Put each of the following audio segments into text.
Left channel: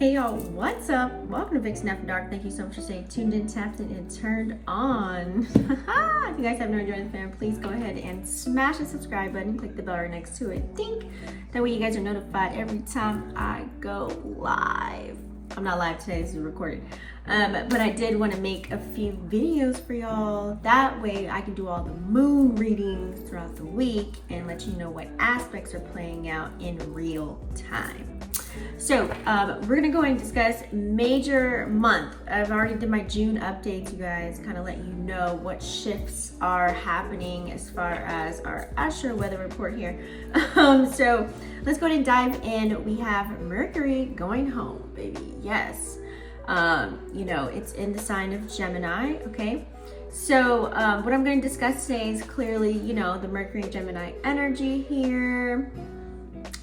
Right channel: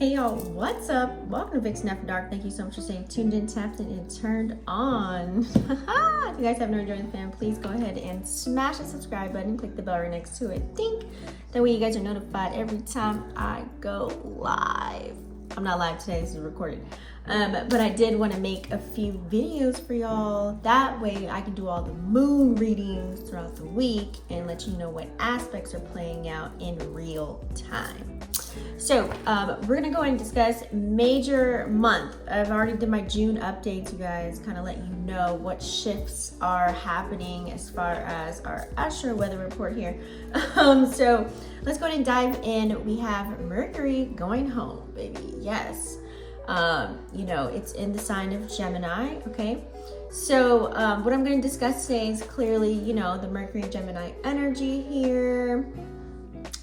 Hey y'all, what's up? Welcome to Vixen After Dark. Thank you so much for staying tuned in, tapped in, and turned on. If you guys have not joined the fam, please go ahead and smash the subscribe button. Click the bell right next to it. Ding! That way you guys are notified every time I go live. I'm not live today, this is recorded. But I did want to make a few videos for y'all. That way I can do all the moon readings throughout the week and let you know what aspects are playing out in real time. So we're gonna go and discuss major month. I've already did my June updates, you guys, kind of let you know what shifts are happening as far as our astro weather report here. So let's go ahead and dive in. We have Mercury going home, baby. Yes. You know, it's in the sign of Gemini, okay? So what I'm going to discuss today is clearly, you know, the Mercury Gemini energy here.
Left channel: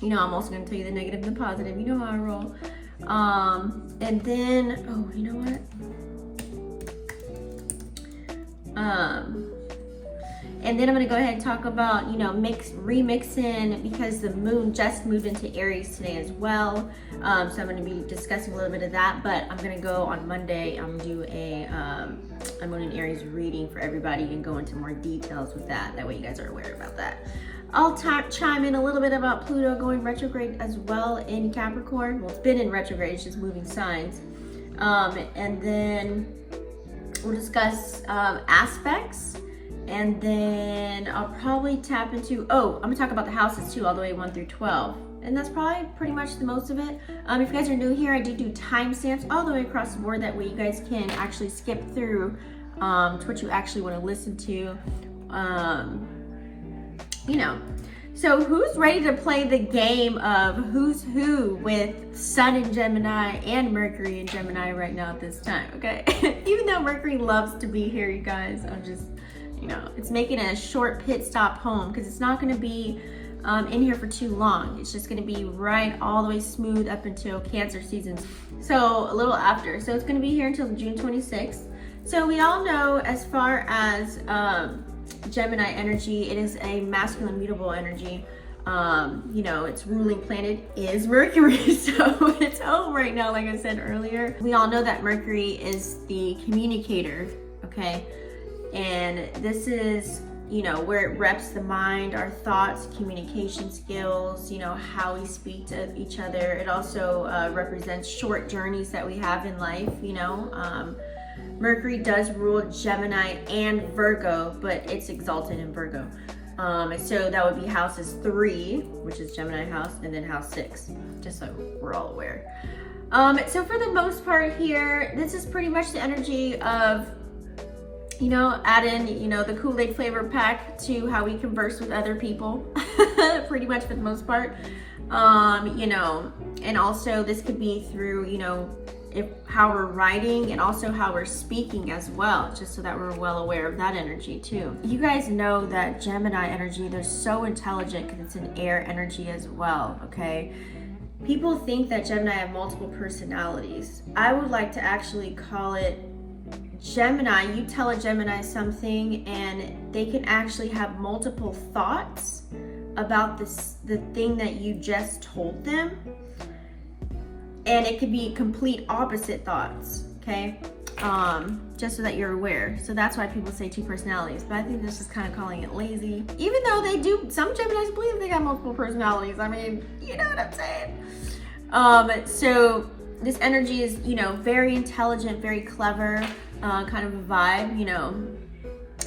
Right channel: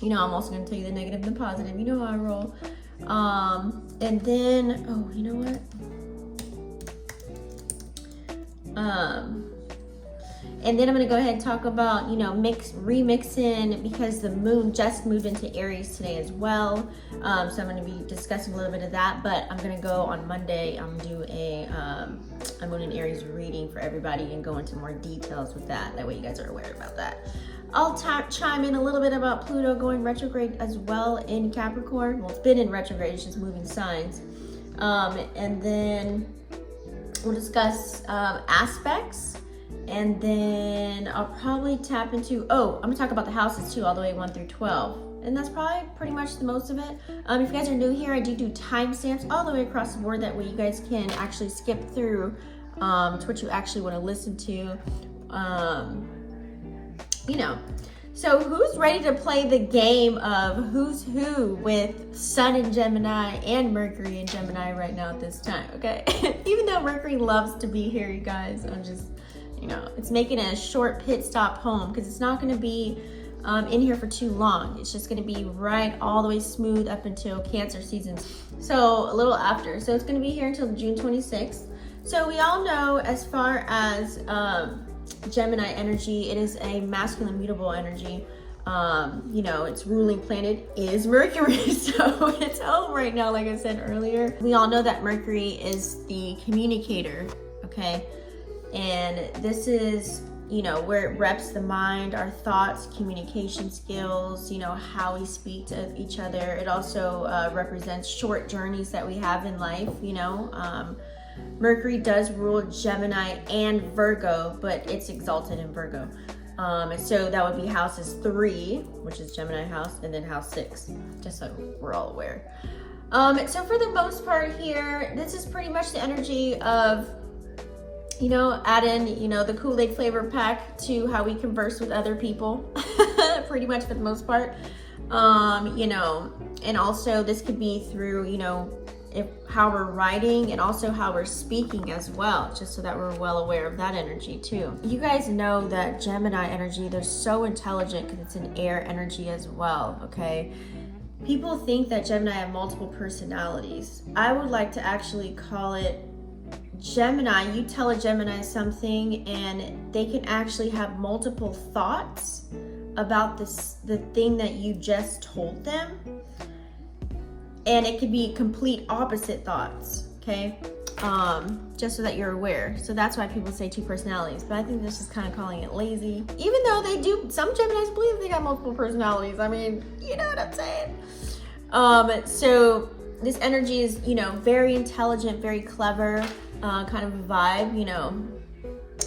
You know, I'm also going to tell you the negative and the positive. You know how I roll. And then, oh, you know what? And then I'm going to go ahead and talk about, you know, remixing, because the moon just moved into Aries today as well. So I'm going to be discussing a little bit of that, but I'm going to go on Monday. I'm doing an Aries reading for everybody and go into more details with that. That way you guys are aware about that. I'll chime in a little bit about Pluto going retrograde as well in Capricorn. Well, it's been in retrograde, it's just moving signs. And then we'll discuss aspects. And then I'll probably tap into, I'm gonna talk about the houses too, all the way 1 through 12. And that's probably pretty much the most of it. If you guys are new here, I do timestamps all the way across the board. That way you guys can actually skip through to what you actually want to listen to. You know, so who's ready to play the game of who's who with Sun in Gemini and Mercury in Gemini right now at this time, okay? Even though Mercury loves to be here, you guys, I'm just, you know, it's making a short pit stop home because it's not going to be in here for too long. It's just going to be right all the way smooth up until Cancer season. So a little after. So it's going to be here until June 26th. So we all know, as far as Gemini energy, it is a masculine mutable energy. You know, its ruling planet is Mercury, so it's home right now, like I said earlier. We all know that Mercury is the communicator, okay? And this is, you know, where it reps the mind, our thoughts, communication skills, you know, how we speak to each other. It also represents short journeys that we have in life, you know. Mercury does rule Gemini and Virgo, but it's exalted in Virgo. So that would be houses 3, which is Gemini house, and then house 6, just so we're all aware. So for the most part here, this is pretty much the energy of, you know, add in, you know, the Kool-Aid flavor pack to how we converse with other people, pretty much for the most part. You know, and also this could be through, you know, how we're writing and also how we're speaking as well, just so that we're well aware of that energy too. You guys know that Gemini energy, they're so intelligent because it's an air energy as well, okay? People think that Gemini have multiple personalities. I would like to actually call it Gemini. You tell a Gemini something and they can actually have multiple thoughts about the thing that you just told them. And it could be complete opposite thoughts, okay? Just so that you're aware. So that's why people say 2 personalities, but I think that's just kind of calling it lazy. Even though they do, some Geminis believe they got multiple personalities. I mean, you know what I'm saying? So this energy is, you know, very intelligent, very clever, kind of a vibe, you know.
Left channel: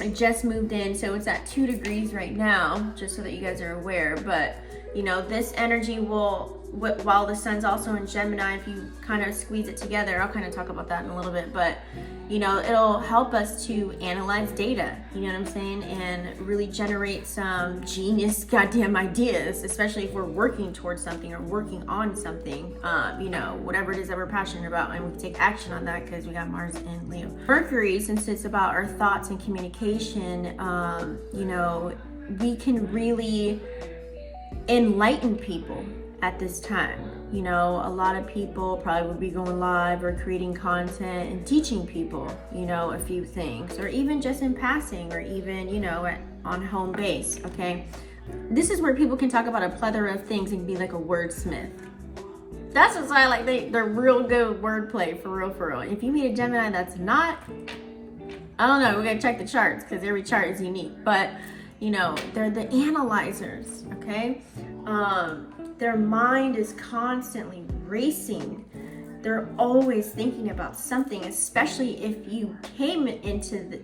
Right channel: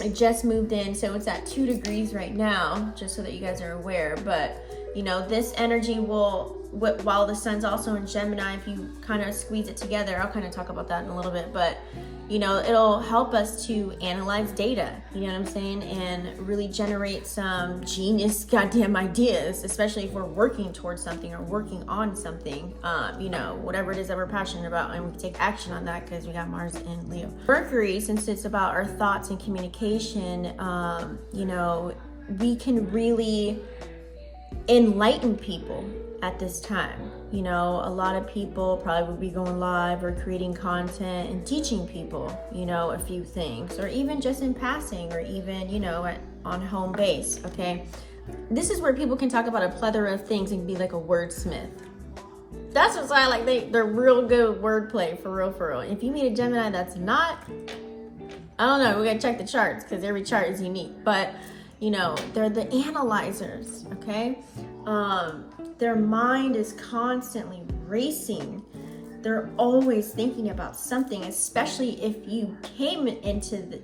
It just moved in, so it's at 2 degrees right now, just so that you guys are aware. But, you know, this energy will, while the sun's also in Gemini, if you kind of squeeze it together, I'll kind of talk about that in a little bit, but, you know, it'll help us to analyze data, you know what I'm saying, and really generate some genius goddamn ideas, especially if we're working towards something or working on something, you know, whatever it is that we're passionate about, and we can take action on that because we got Mars in Leo. Mercury, since it's about our thoughts and communication, you know, we can really enlighten people at this time. You know, a lot of people probably would be going live or creating content and teaching people, you know, a few things, or even just in passing, or even, you know, on home base, okay? This is where people can talk about a plethora of things and be like a wordsmith. That's just why, like, they're real good wordplay, for real, for real. If you meet a Gemini that's not, I don't know, we gotta check the charts, because every chart is unique. But, you know, they're the analyzers, okay? Their mind is constantly racing. They're always thinking about something, especially if you came into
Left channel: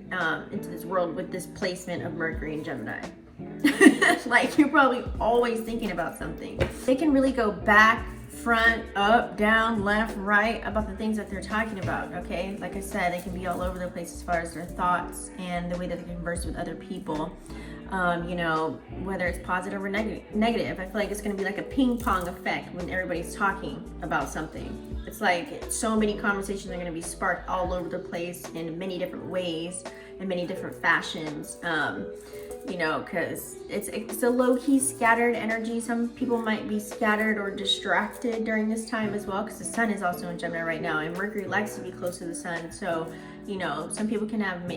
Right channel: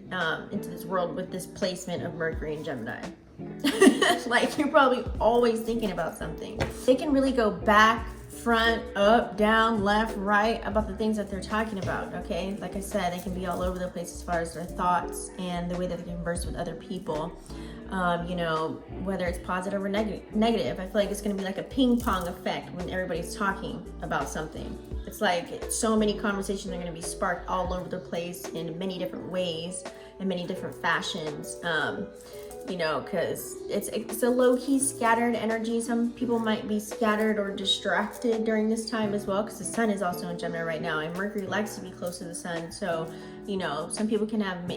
this world with this placement of Mercury and Gemini. Like, you're probably always thinking about something. They can really go back, front, up, down, left, right about the things that they're talking about, okay? Like I said, they can be all over the place as far as their thoughts and the way that they converse with other people. You know, whether it's positive or negative. I feel like it's going to be like a ping pong effect when everybody's talking about something. It's like so many conversations are going to be sparked all over the place in many different ways, in many different fashions. You know, because it's a low-key scattered energy. Some people might be scattered or distracted during this time as well, because the sun is also in Gemini right now, and Mercury likes to be close to the sun. So, you know, some people can have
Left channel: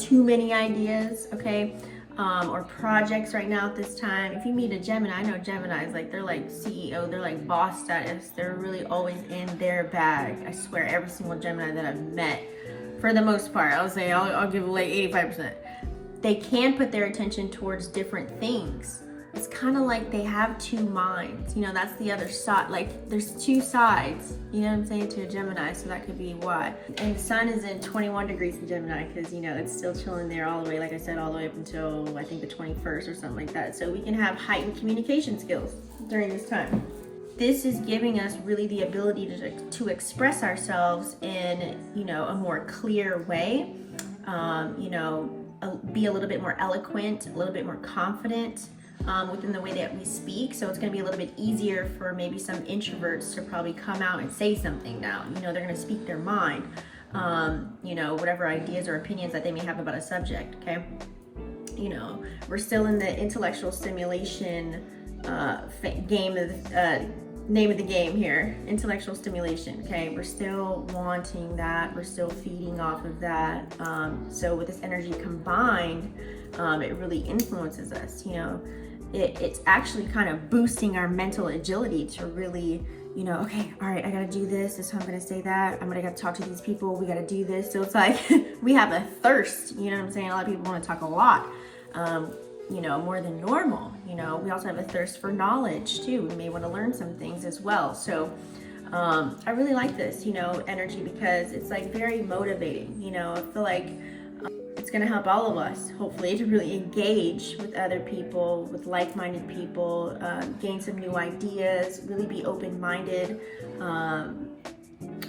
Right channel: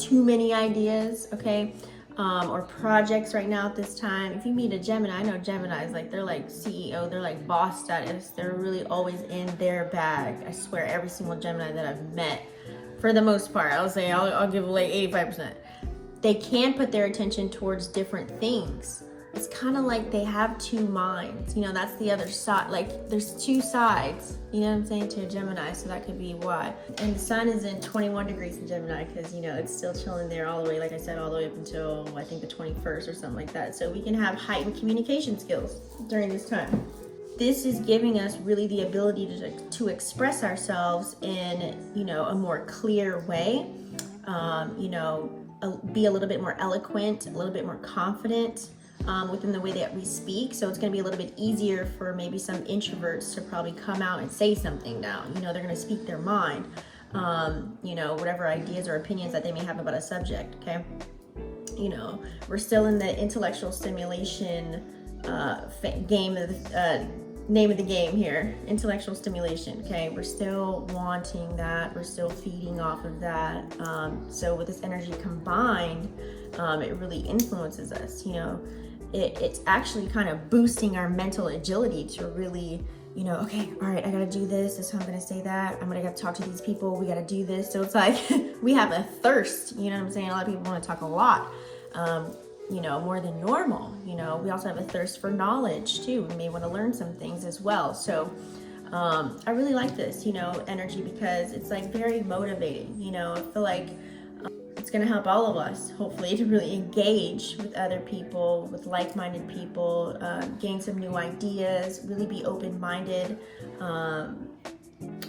too many ideas, okay? Or projects right now at this time. If you meet a Gemini, I know Geminis, like, they're like CEO, they're like boss status. They're really always in their bag. I swear, every single Gemini that I've met, for the most part, I'll give like 85%. They can put their attention towards different things. It's kind of like they have two minds. You know, that's the other side. Like, there's two sides, you know what I'm saying, to a Gemini, so that could be why. And the sun is in 21 degrees in Gemini, because, you know, it's still chilling there all the way, like I said, all the way up until, I think, the 21st or something like that. So we can have heightened communication skills during this time. This is giving us really the ability to express ourselves in, you know, a more clear way. You know, be a little bit more eloquent, a little bit more confident within the way that we speak. So it's going to be a little bit easier for maybe some introverts to probably come out and say something now. You know, they're going to speak their mind, you know, whatever ideas or opinions that they may have about a subject, okay? You know, we're still in the intellectual stimulation name of the game here, intellectual stimulation, okay? We're still wanting that, we're still feeding off of that. So with this energy combined, it really influences us, you know. It's actually kind of boosting our mental agility to really, you know, okay, all right, I gotta do this is how I'm gonna say that, I'm gonna talk to these people, we gotta do this. So it's like we have a thirst, you know what I'm saying? A lot of people want to talk a lot, you know, more than normal. You know, we also have a thirst for knowledge too. We may want to learn some things as well. So I really like this, you know, energy, because it's like very motivating. You know, I feel like it's going to help all of us, hopefully, to really engage with other people, with like-minded people, gain some new ideas, really be open-minded,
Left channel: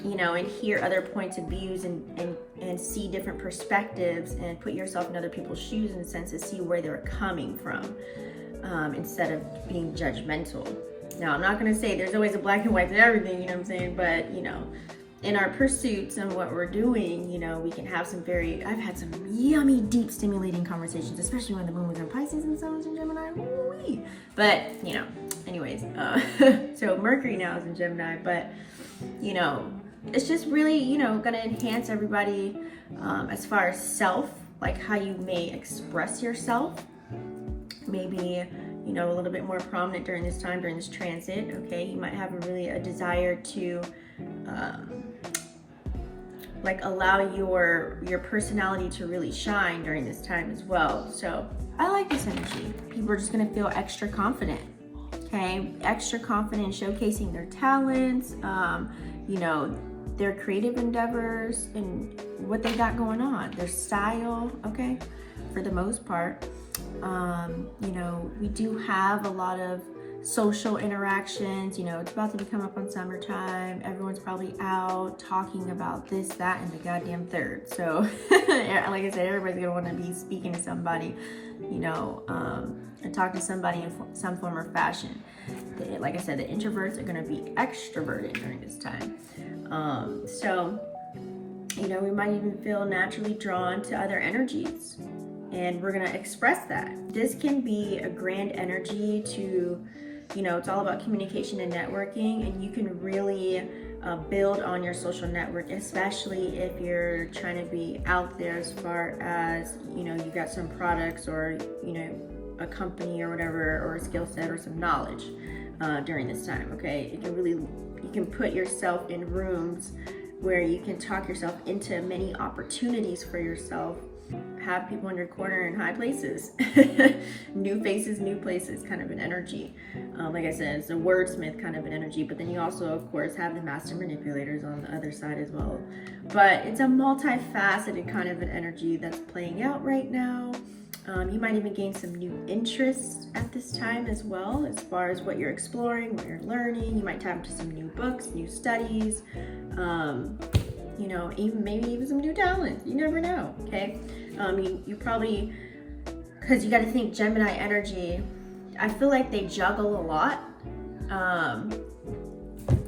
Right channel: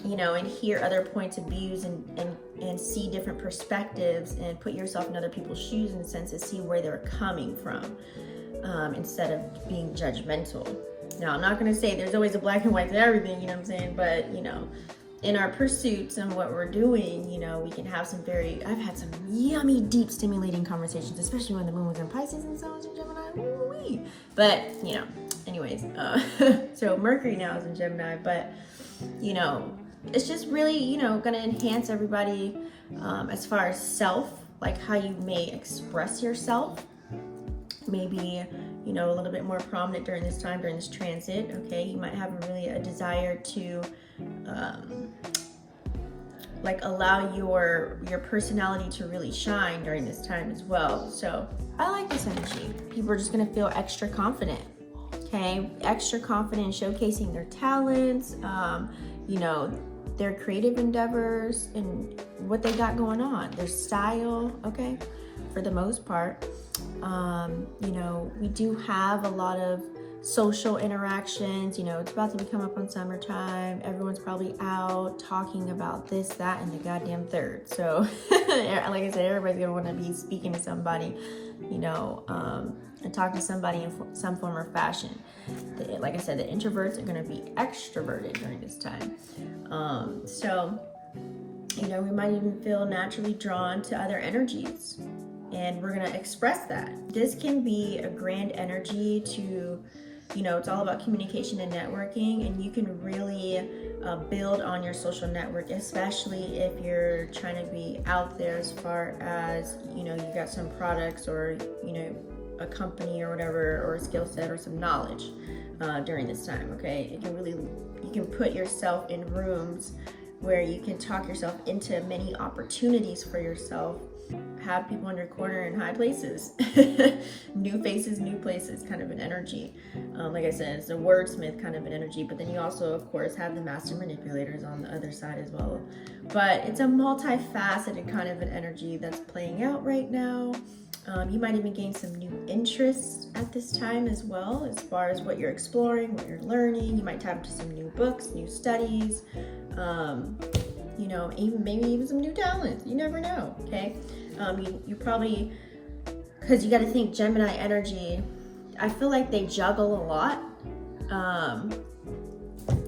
you know, and hear other points of views and see different perspectives, and put yourself in other people's shoes in a sense to see where they're coming from, instead of being judgmental. Now, I'm not going to say there's always a black and white to everything, you know what I'm saying? But, you know, in our pursuits and what we're doing, you know, we can have I've had some yummy, deep, stimulating conversations, especially when the moon was in Pisces and sun was in Gemini. Woo-wee. But, you know, anyways, so Mercury now is in Gemini, but, you know, it's just really, you know, going to enhance everybody as far as self, like how you may express yourself. Maybe, you know, a little bit more prominent during this time, during this transit, okay? You might have a desire to like allow your personality to really shine during this time as well. So I like this energy. People are just gonna feel extra confident, okay? Extra confident in showcasing their talents, you know, their creative endeavors and what they got going on, their style, okay? For the most part. You know, we do have a lot of social interactions. You know, it's about to come up on summertime. Everyone's probably out talking about this, that, and the goddamn third. So, like I said, everybody's gonna want to be speaking to somebody, you know, and talk to somebody in some form or fashion. Like I said, the introverts are gonna be extroverted during this time. So, you know, we might even feel naturally drawn to other energies, and we're gonna express that. This can be a grand energy to, you know, it's all about communication and networking, and you can really build on your social network, especially if you're trying to be out there as far as, you know, you got some products or, you know, a company or whatever, or a skill set or some knowledge during this time, okay? You can put yourself in rooms where you can talk yourself into many opportunities for yourself, have people in your corner in high places, new faces, new places kind of an energy. Like I said, it's a wordsmith kind of an energy, but then you also, of course, have the master manipulators on the other side as well. But it's a multifaceted kind of an energy that's playing out right now. You might even gain some new interests at this time as well, as far as what you're exploring, what you're learning. You might tap into some new books, new studies, you know, maybe even some new talents. You never know, okay? You probably, because you got to think Gemini energy, I feel like they juggle a lot.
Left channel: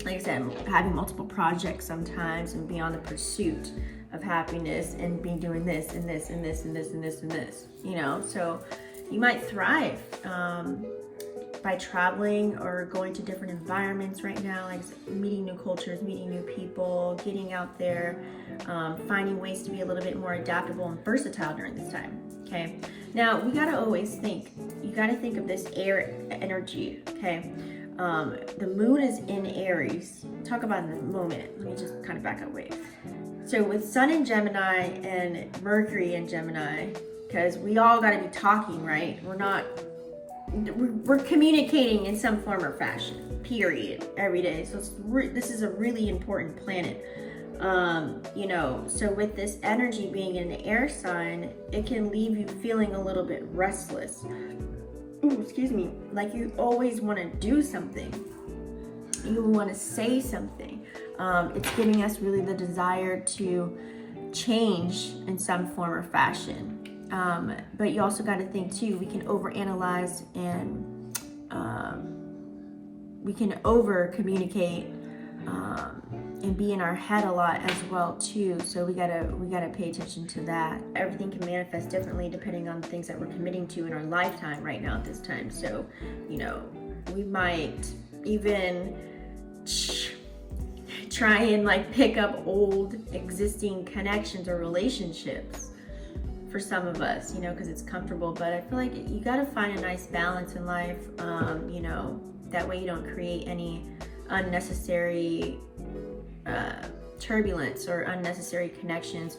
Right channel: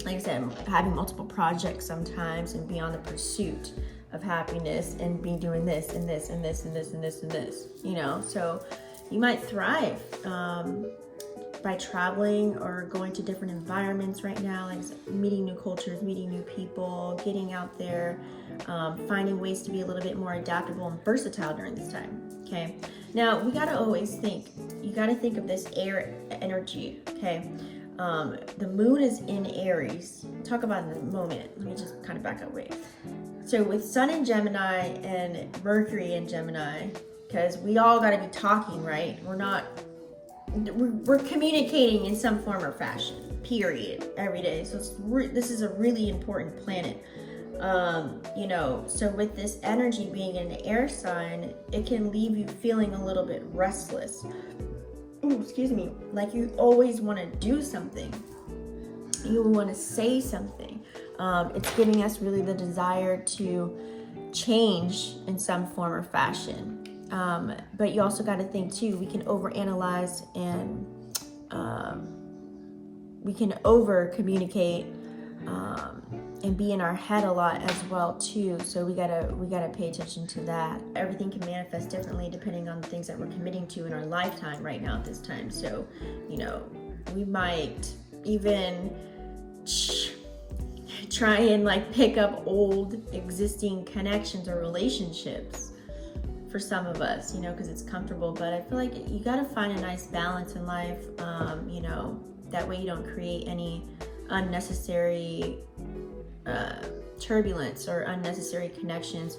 Like I said, having multiple projects sometimes and be on the pursuit of happiness and be doing this and this and this and this and this and this, you know? So you might thrive by traveling or going to different environments right now, like meeting new cultures, meeting new people, getting out there, finding ways to be a little bit more adaptable and versatile during this time, okay? Now, we gotta always think, you gotta think of this air energy, okay? The moon is in Aries. Talk about it in a moment. Let me just kind of back up, wait. So with Sun in Gemini and Mercury in Gemini, because we all got to be talking, right? We're communicating in some form or fashion, period, every day. So this is a really important planet. You know, so with this energy being in an air sign, it can leave you feeling a little bit restless. Ooh, excuse me, like you always want to do something. You want to say something. It's giving us really the desire to change in some form or fashion. But you also got to think too, we can overanalyze and we can over communicate and be in our head a lot as well too. So we gotta pay attention to that. Everything can manifest differently depending on the things that we're committing to in our lifetime right now at this time. So, you know, we might even try and like pick up old existing connections or relationships for some of us, you know, because it's comfortable. But I feel like you got to find a nice balance in life, you know, that way you don't create any unnecessary turbulence or unnecessary connections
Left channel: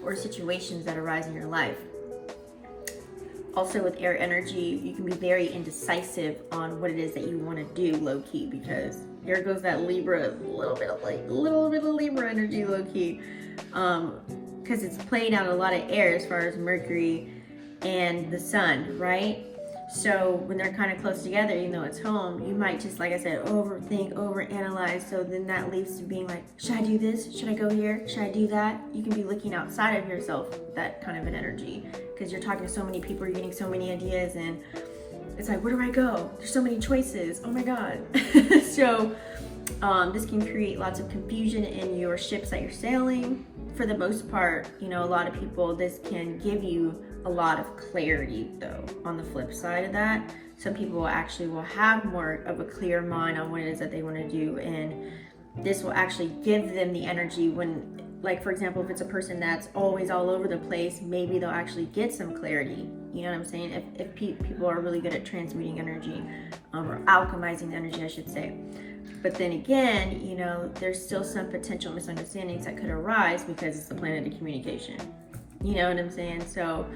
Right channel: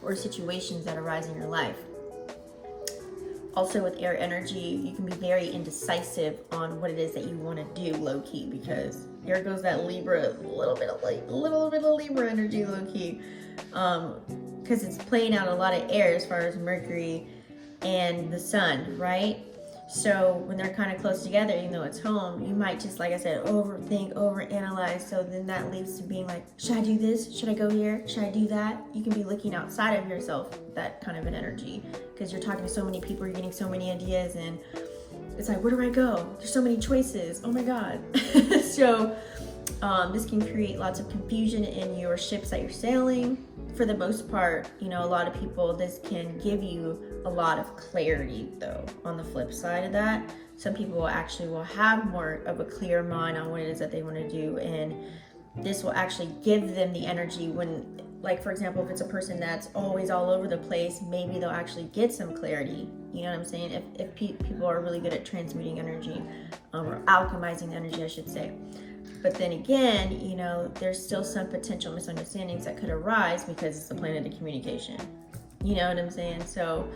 or situations that arise in your life. Also with air energy, you can be very indecisive on what it is that you want to do low-key, because here goes that Libra, a little bit of Libra energy low-key, because it's playing out a lot of air as far as Mercury and the Sun, right? So when they're kind of close together, even though it's home, you might just, like I said, overthink, overanalyze. So then that leads to being like, should I do this? Should I go here? Should I do that? You can be looking outside of yourself, that kind of an energy, because you're talking to so many people, you're getting so many ideas, and it's like, where do I go? There's so many choices. Oh my God. So this can create lots of confusion in your ships that you're sailing. For the most part, you know, a lot of people, this can give you a lot of clarity though. On the flip side of that, some people actually will have more of a clear mind on what it is that they want to do, and this will actually give them the energy when, like for example, if it's a person that's always all over the place, maybe they'll actually get some clarity. You know what I'm saying? If people are really good at transmuting energy, or alchemizing energy, I should say. But then again, you know, there's still some potential misunderstandings that could arise because it's the planet of communication. You know what I'm saying? So,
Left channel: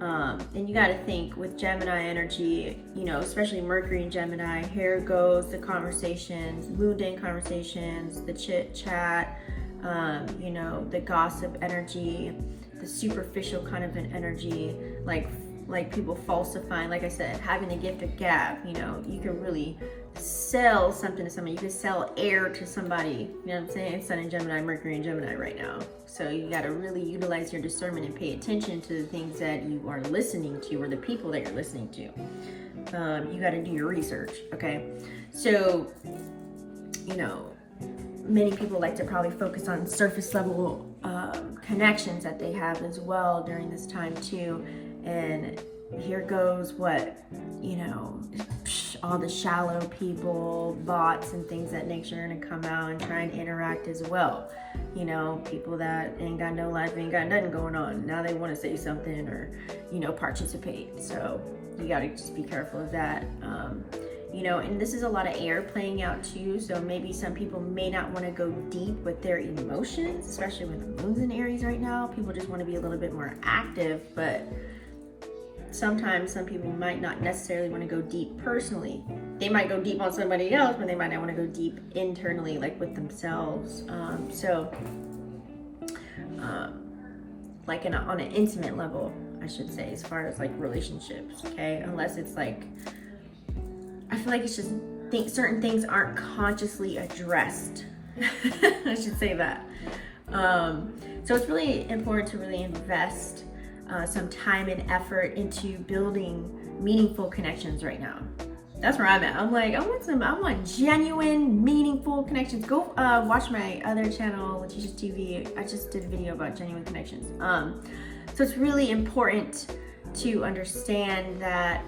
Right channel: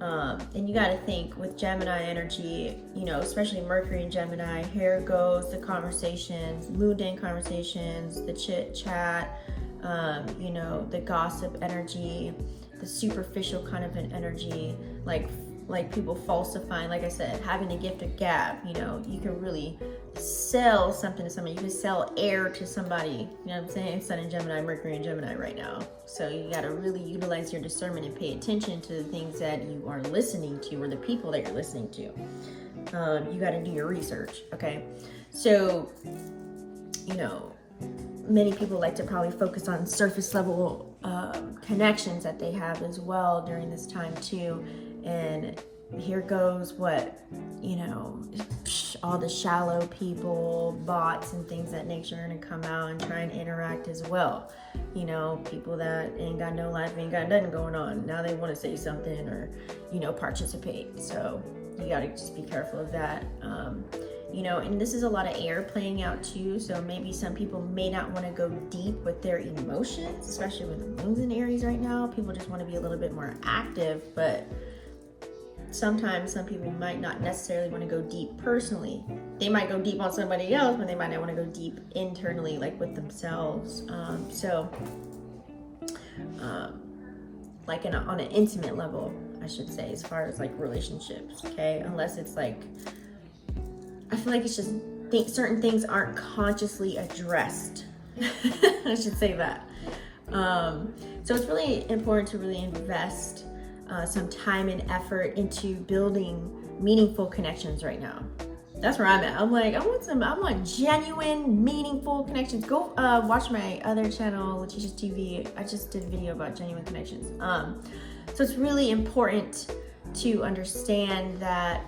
and you got to think with Gemini energy, you know, especially Mercury in Gemini, here goes the conversations, mundane conversations, the chit chat, you know, the gossip energy, the superficial kind of an energy, like people falsifying, like I said, having a gift of gab. You know, you can really sell something to somebody. You can sell air to somebody. You know what I'm saying? It's Sun in Gemini, Mercury in Gemini right now. So you got to really utilize your discernment and pay attention to the things that you are listening to, or the people that you're listening to. You got to do your research, okay? So, you know, many people like to probably focus on surface level connections that they have as well during this time too. And here goes what, you know, all the shallow people, bots and things that nature are gonna come out and try and interact as well. You know, people that ain't got no life, ain't got nothing going on. Now they want to say something or, you know, participate. So you gotta just be careful of that. You know, and this is a lot of air playing out too, so maybe some people may not want to go deep with their emotions, especially with the moon's in Aries right now. People just want to be a little bit more active, but sometimes some people might not necessarily want to go deep personally. They might go deep on somebody else, but they might not want to go deep internally, like with themselves. Like on an intimate level, I should say, as far as like relationships, okay? Unless it's like, I feel like it's just certain things aren't consciously addressed. I should say that. So it's really important to really invest some time and effort into building meaningful connections right now. That's where I'm at. I'm like, I want genuine, meaningful connections. Go watch my other channel, Letitia's TV. I just did a video about genuine connections. So it's really important to understand that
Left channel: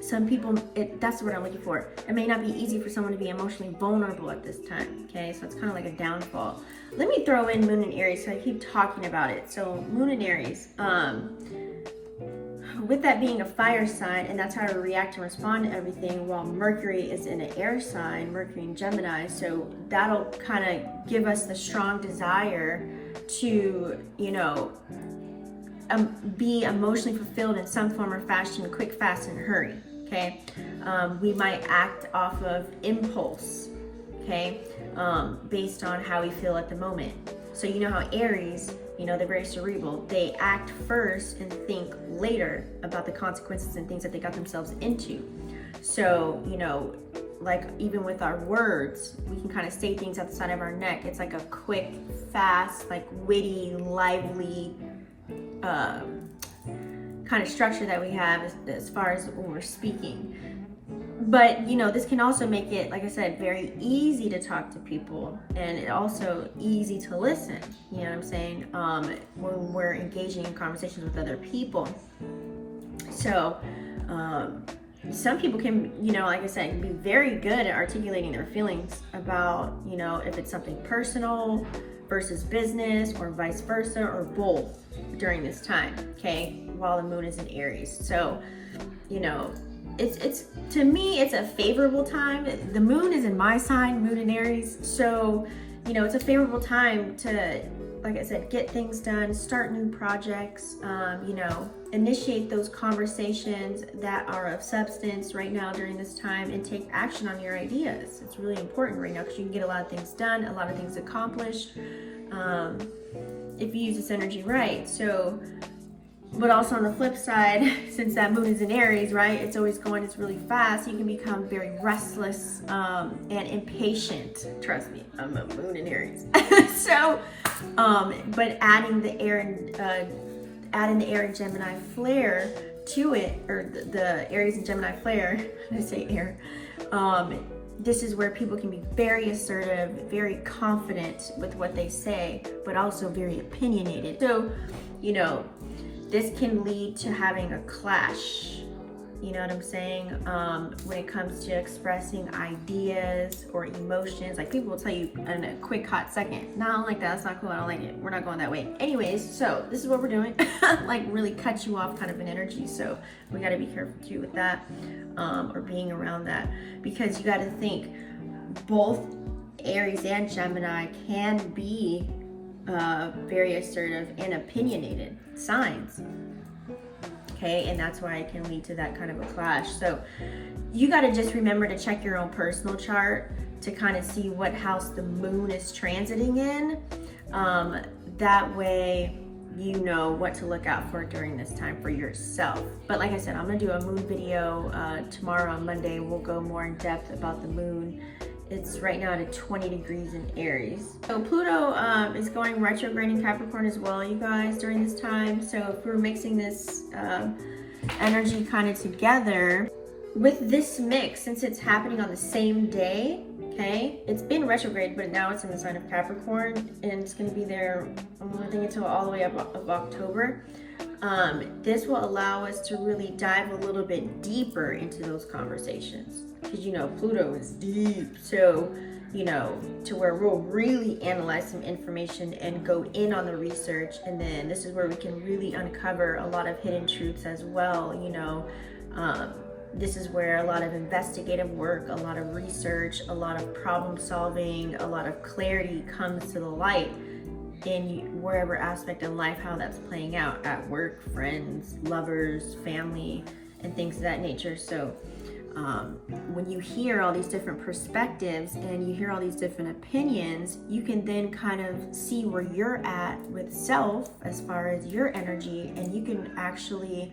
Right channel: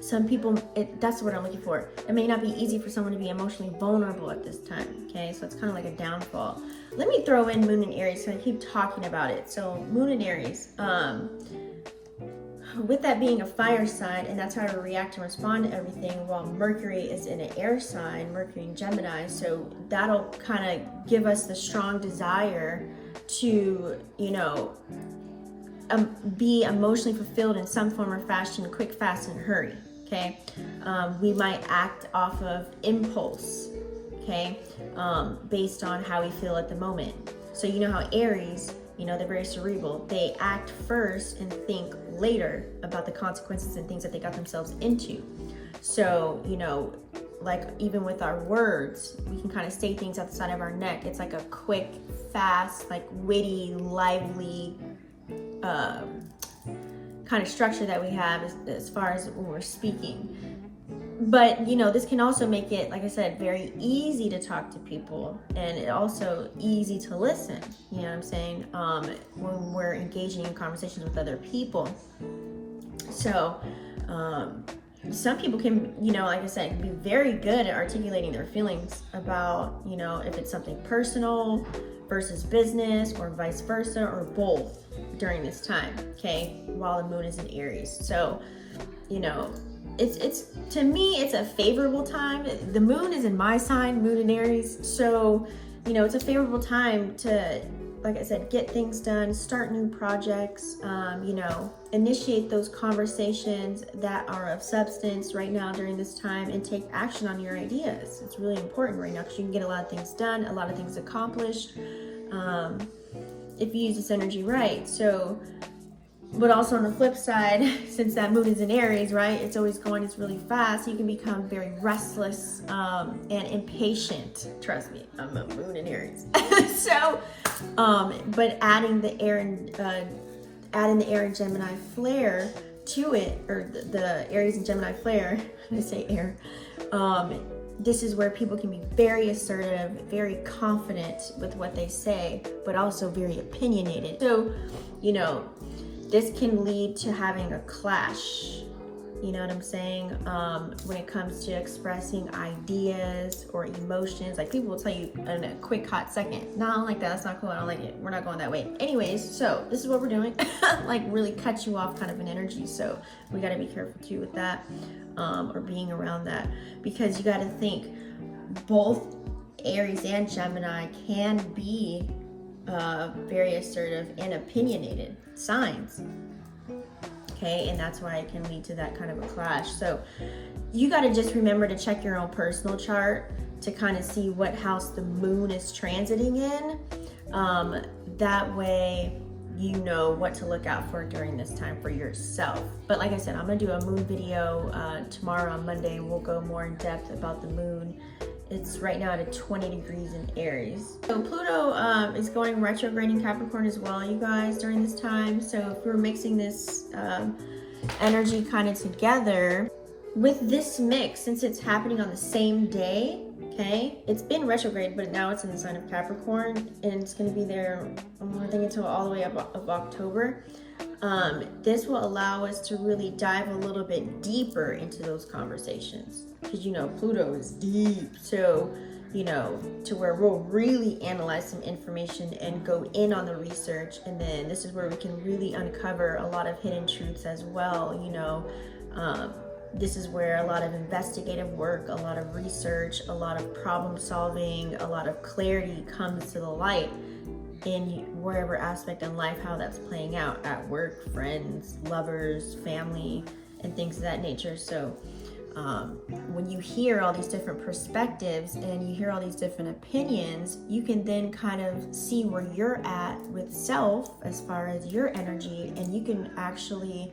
some people, that's what I'm looking for. It may not be easy for someone to be emotionally vulnerable at this time, okay? So it's kind of like a downfall. Let me throw in Moon in Aries, so I keep talking about it. So Moon in Aries, with that being a fire sign, and that's how to react and respond to everything, while Mercury is in an air sign, Mercury in Gemini, so that'll kind of give us the strong desire to, you know, be emotionally fulfilled in some form or fashion, quick, fast, and hurry, okay? We might act off of impulse, okay, based on how we feel at the moment. So you know how Aries, you know, they're very cerebral. They act first and think later about the consequences and things that they got themselves into. So, you know, like even with our words, we can kind of say things at the side of our neck. It's like a quick, fast, like witty, lively kind of structure that we have as far as when we're speaking. But, you know, this can also make it, like I said, very easy to talk to people, and it also easy to listen, you know what I'm saying, when we're engaging in conversations with other people. So, some people can, you know, like I said, be very good at articulating their feelings about, you know, if it's something personal versus business or vice versa or both during this time, okay, while the moon is in Aries. So, you know, it's to me, it's a favorable time. The moon is in my sign, Moon in Aries. So, you know, it's a favorable time to, like I said, get things done, start new projects, you know, initiate those conversations that are of substance right now during this time, and take action on your ideas. It's really important right now because you can get a lot of things done, a lot of things accomplished, if you use this energy right. So, but also on the flip side, since that moon is in Aries, right, it's always going, it's really fast, you can become very restless and impatient. Trust me, I'm a moon in Aries. So, but adding the air and Gemini flare to it, or the Aries and Gemini flare, I say air, this is where people can be very assertive, very confident with what they say, but also very opinionated. So, you know, this can lead to having a clash, you know what I'm saying? When it comes to expressing ideas or emotions, like people will tell you in a quick, hot second, no, I don't like that, that's not cool, I don't like it, we're not going that way. Anyways, so this is what we're doing, like really cut you off kind of an energy. So we gotta be careful too with that, or being around that, because you gotta think both Aries and Gemini can be very assertive and opinionated signs, okay, and that's why it can lead to that kind of a clash. So you got to just remember to check your own personal chart to kind of see what house the moon is transiting in. That way you know what to look out for during this time for yourself. But like I said, I'm gonna do a moon video tomorrow on Monday. We'll go more in depth about the moon. It's right now at 20 degrees in Aries. So Pluto is going retrograde in Capricorn as well, you guys, during this time. So if we're mixing this energy kind of together, with this mix, since it's happening on the same day, okay, it's been retrograde, but now it's in the sign of Capricorn, and it's going to be there, I think, until all the way up of October. This will allow us to really dive a little bit deeper into those conversations, because you know Pluto is deep. So you know, to where we'll really analyze some information and go in on the research. And then this is where we can really uncover a lot of hidden truths as well, you know. This is where a lot of investigative work, a lot of research, a lot of problem solving, a lot of clarity comes to the light in wherever aspect of life, how that's playing out at work, friends, lovers, family, and things of that nature. So when you hear all these different perspectives and you hear all these different opinions, you can then kind of see where you're at with self as far as your energy, and you can actually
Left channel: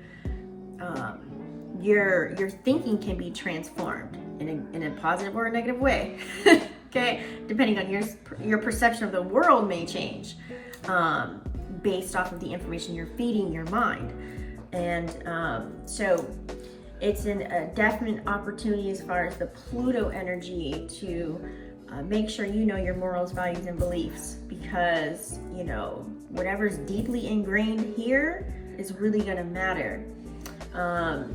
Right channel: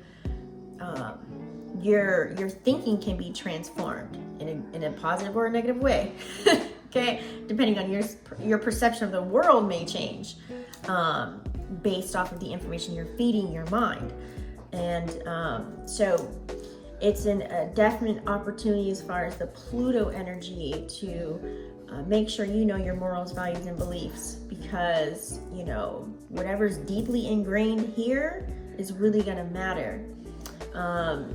your thinking can be transformed in a positive or a negative way. Okay, depending on your perception of the world may change based off of the information you're feeding your mind. And so it's a definite opportunity as far as the Pluto energy to make sure you know your morals, values, and beliefs, because, you know, whatever's deeply ingrained here is really going to matter.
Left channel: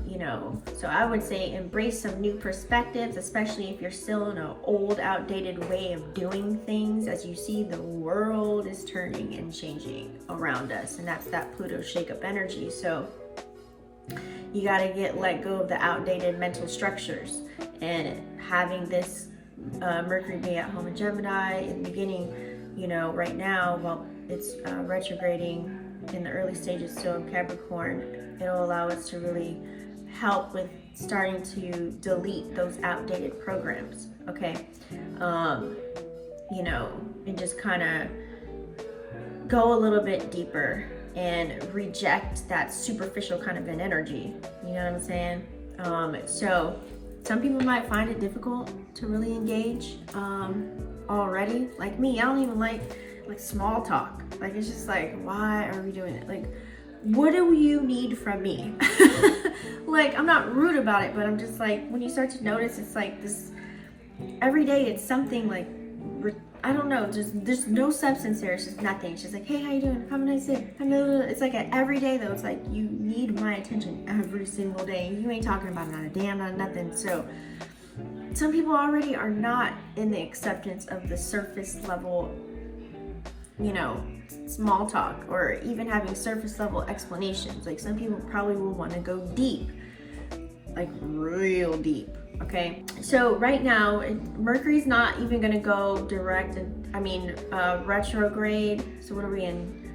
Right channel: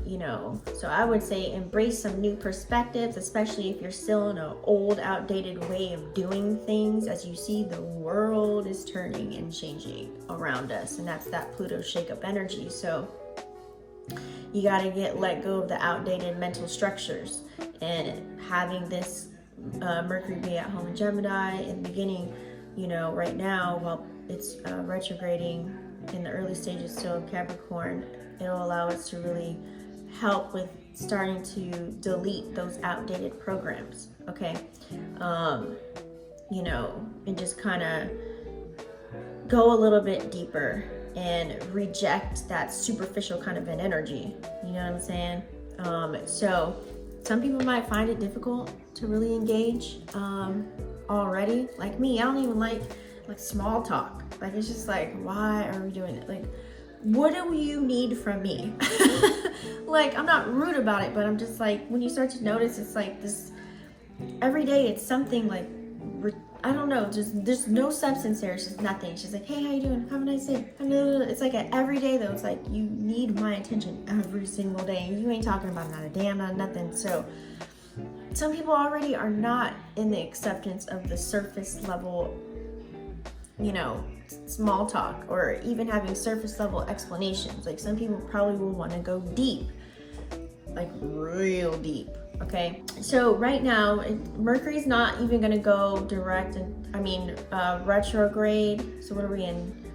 You know, so I would say embrace some new perspectives, especially if you're still in an old, outdated way of doing things, as you see the world is turning and changing around us, and that's that Pluto shake-up energy. So you got to let go of the outdated mental structures, and having this Mercury be at home in Gemini in the beginning, you know, right now, while it's retrograding in the early stages still of Capricorn, it'll allow us to really help with starting to delete those outdated programs, okay? You know, and just kind of go a little bit deeper and reject that superficial kind of an energy, you know what I'm saying? So some people might find it difficult to really engage already. Like me, I don't even like small talk. Like, it's just like, why are we doing it? Like, what do you need from me? Like, I'm not rude about it, but I'm just like, when you start to notice, it's like this, every day it's something like, I don't know, just there's no substance there. It's just nothing. It's just like, hey, how you doing? Have a nice day. It's like every day though, it's like, you need my attention every single day. You ain't talking about not a damn, not nothing. So some people already are not in the acceptance of the surface level, you know, small talk, or even having surface level explanations. Like, some people probably will want to go deep, like real deep. Okay, so right now Mercury's not even going to go direct, retrograde. So what are we in?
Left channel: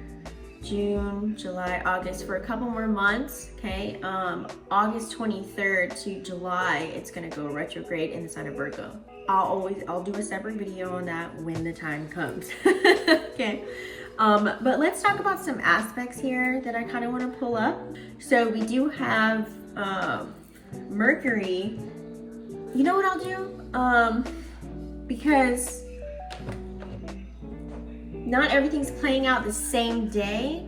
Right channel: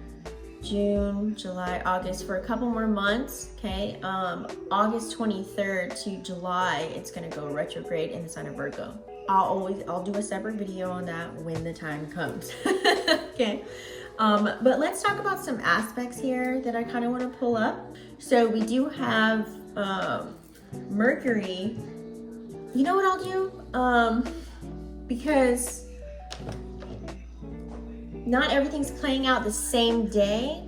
June, July, August, for a couple more months. Okay, August 23rd to July, it's going to go retrograde in the sign of Virgo. I'll do a separate video on that when the time comes. Okay, but let's talk about some aspects here that I kind of want to pull up. So we do have Mercury. You know what I'll do? Because not everything's playing out the same day,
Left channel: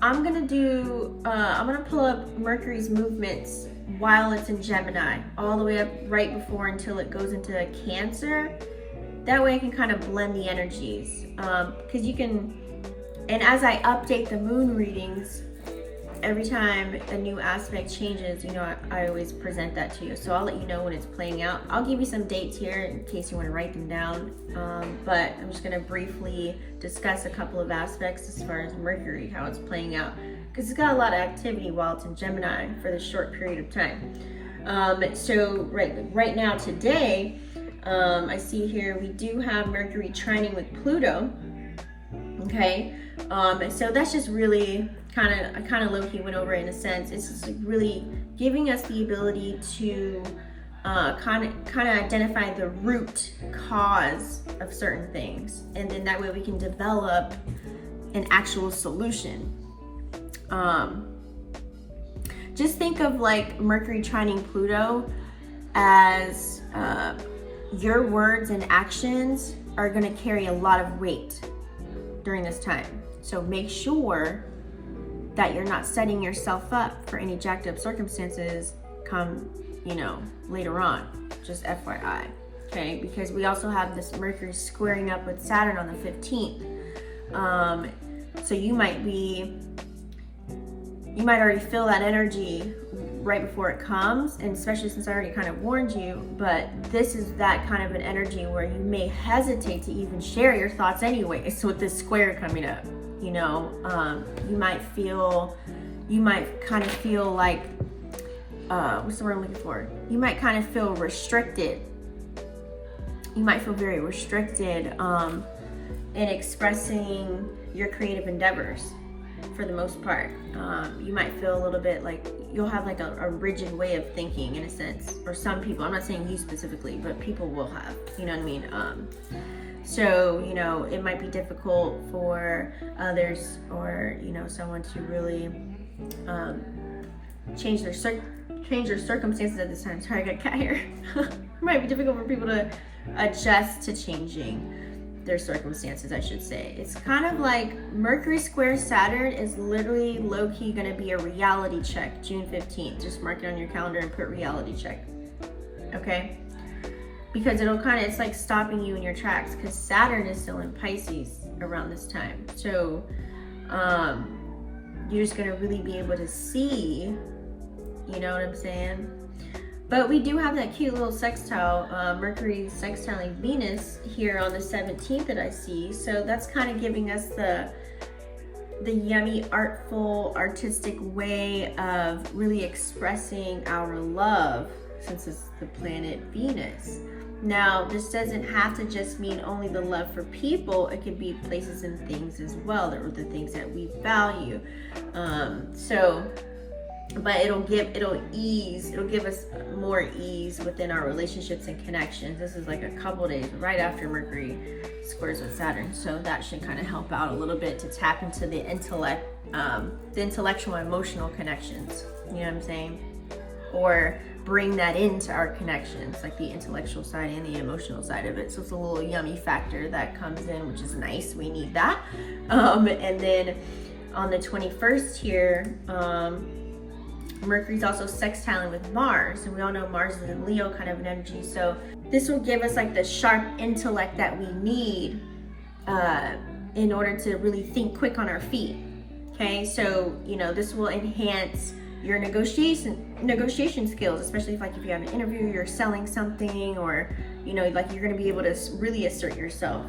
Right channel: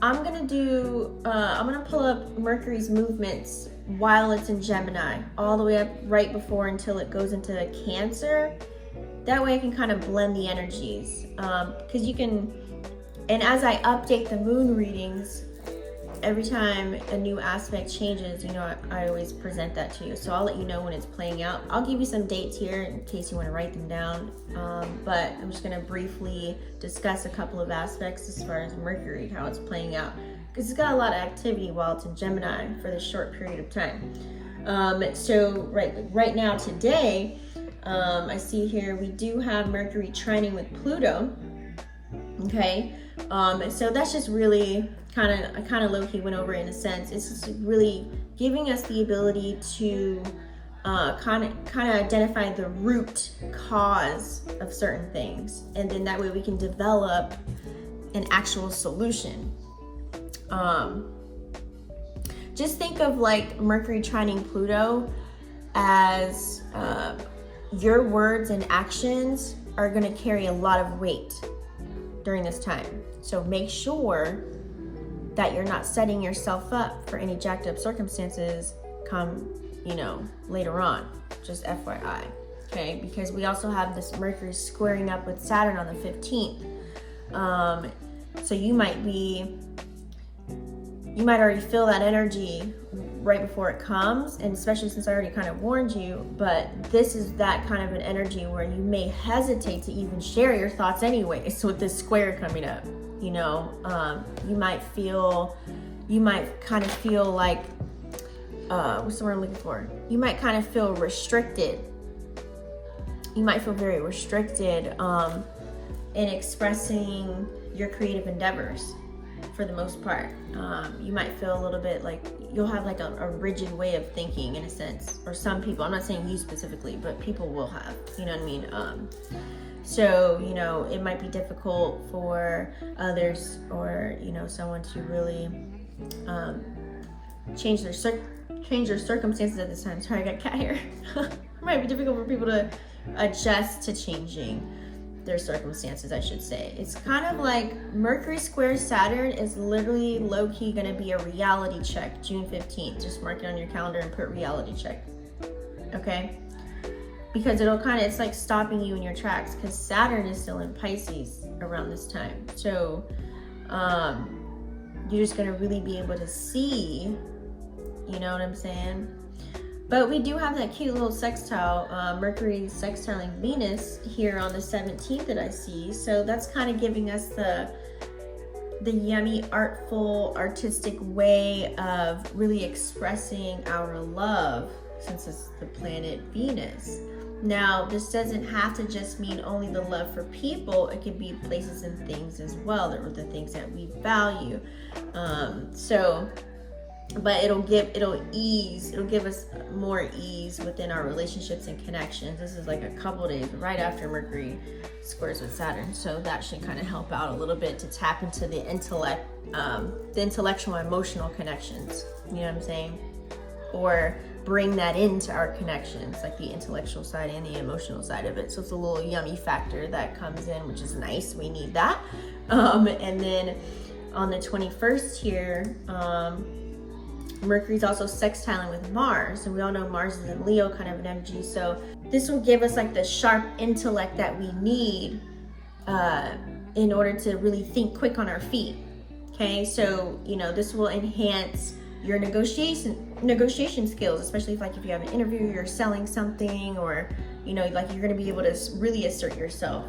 I'm gonna pull up Mercury's movements while it's in Gemini, all the way up right before until it goes into Cancer. That way I can kind of blend the energies. Because you can, and as I update the moon readings, every time a new aspect changes, you know, I always present that to you. So I'll let you know when it's playing out. I'll give you some dates here in case you want to write them down. But I'm just going to briefly discuss a couple of aspects as far as Mercury, how it's playing out, because it's got a lot of activity while it's in Gemini for this short period of time. So right now today, I see here we do have Mercury trining with Pluto. Okay, so that's just really I kind of low-key went over it in a sense. It's just like really giving us the ability to kind of identify the root cause of certain things, and then that way we can develop an actual solution. Just think of like Mercury trining Pluto as your words and actions are going to carry a lot of weight during this time. So make sure that you're not setting yourself up for any jacked up circumstances come, you know, later on. Just FYI, okay? Because we also have this Mercury squaring up with Saturn on the 15th. So you might already feel that energy right before it comes, and especially since I already kind of warned you, but this is that kind of an energy where you may hesitate to even share your thoughts anyway. So with this square coming up, you know, you might kind of feel like, what's the word I'm looking for? You might kind of feel restricted. You might feel very restricted in expressing your creative endeavors for the most part. You might feel a little bit like you'll have like a rigid way of thinking in a sense, or some people, I'm not saying you specifically, but people will have, you know what I mean? So, you know, it might be difficult for others, or, you know, someone to really change their circumstances at this time. Sorry, I got cat hair. It might be difficult for people to adjust to changing their circumstances, I should say. It's kind of like Mercury square Saturn is literally low-key gonna be a reality check June 15th. Just mark it on your calendar and put reality check, okay? Because it's like stopping you in your tracks, because Saturn is still in Pisces around this time. So you're just gonna really be able to see, you know what I'm saying? But we do have that cute little sextile, Mercury sextiling Venus here on the 17th that I see. So that's kind of giving us the yummy, artful, artistic way of really expressing our love, since it's the planet Venus. Now, this doesn't have to just mean only the love for people. It could be places and things as well, that are the things that we value. But it'll give us more ease within our relationships and connections. This is like a couple days right after Mercury squares with Saturn, so that should kind of help out a little bit to tap into the intellect, the intellectual, emotional connections. You know what I'm saying? Or bring that into our connections, like the intellectual side and the emotional side of it. So it's a little yummy factor that comes in, which is nice. We need that. And then on the 21st here, Mercury's also sextiling with Mars, and we all know Mars is in Leo kind of an energy. So this will give us like the sharp intellect that we need in order to really think quick on our feet. Okay, so you know, this will enhance your negotiation skills, especially if you have an interview, you're selling something, or you know, like you're going to be able to really assert yourself.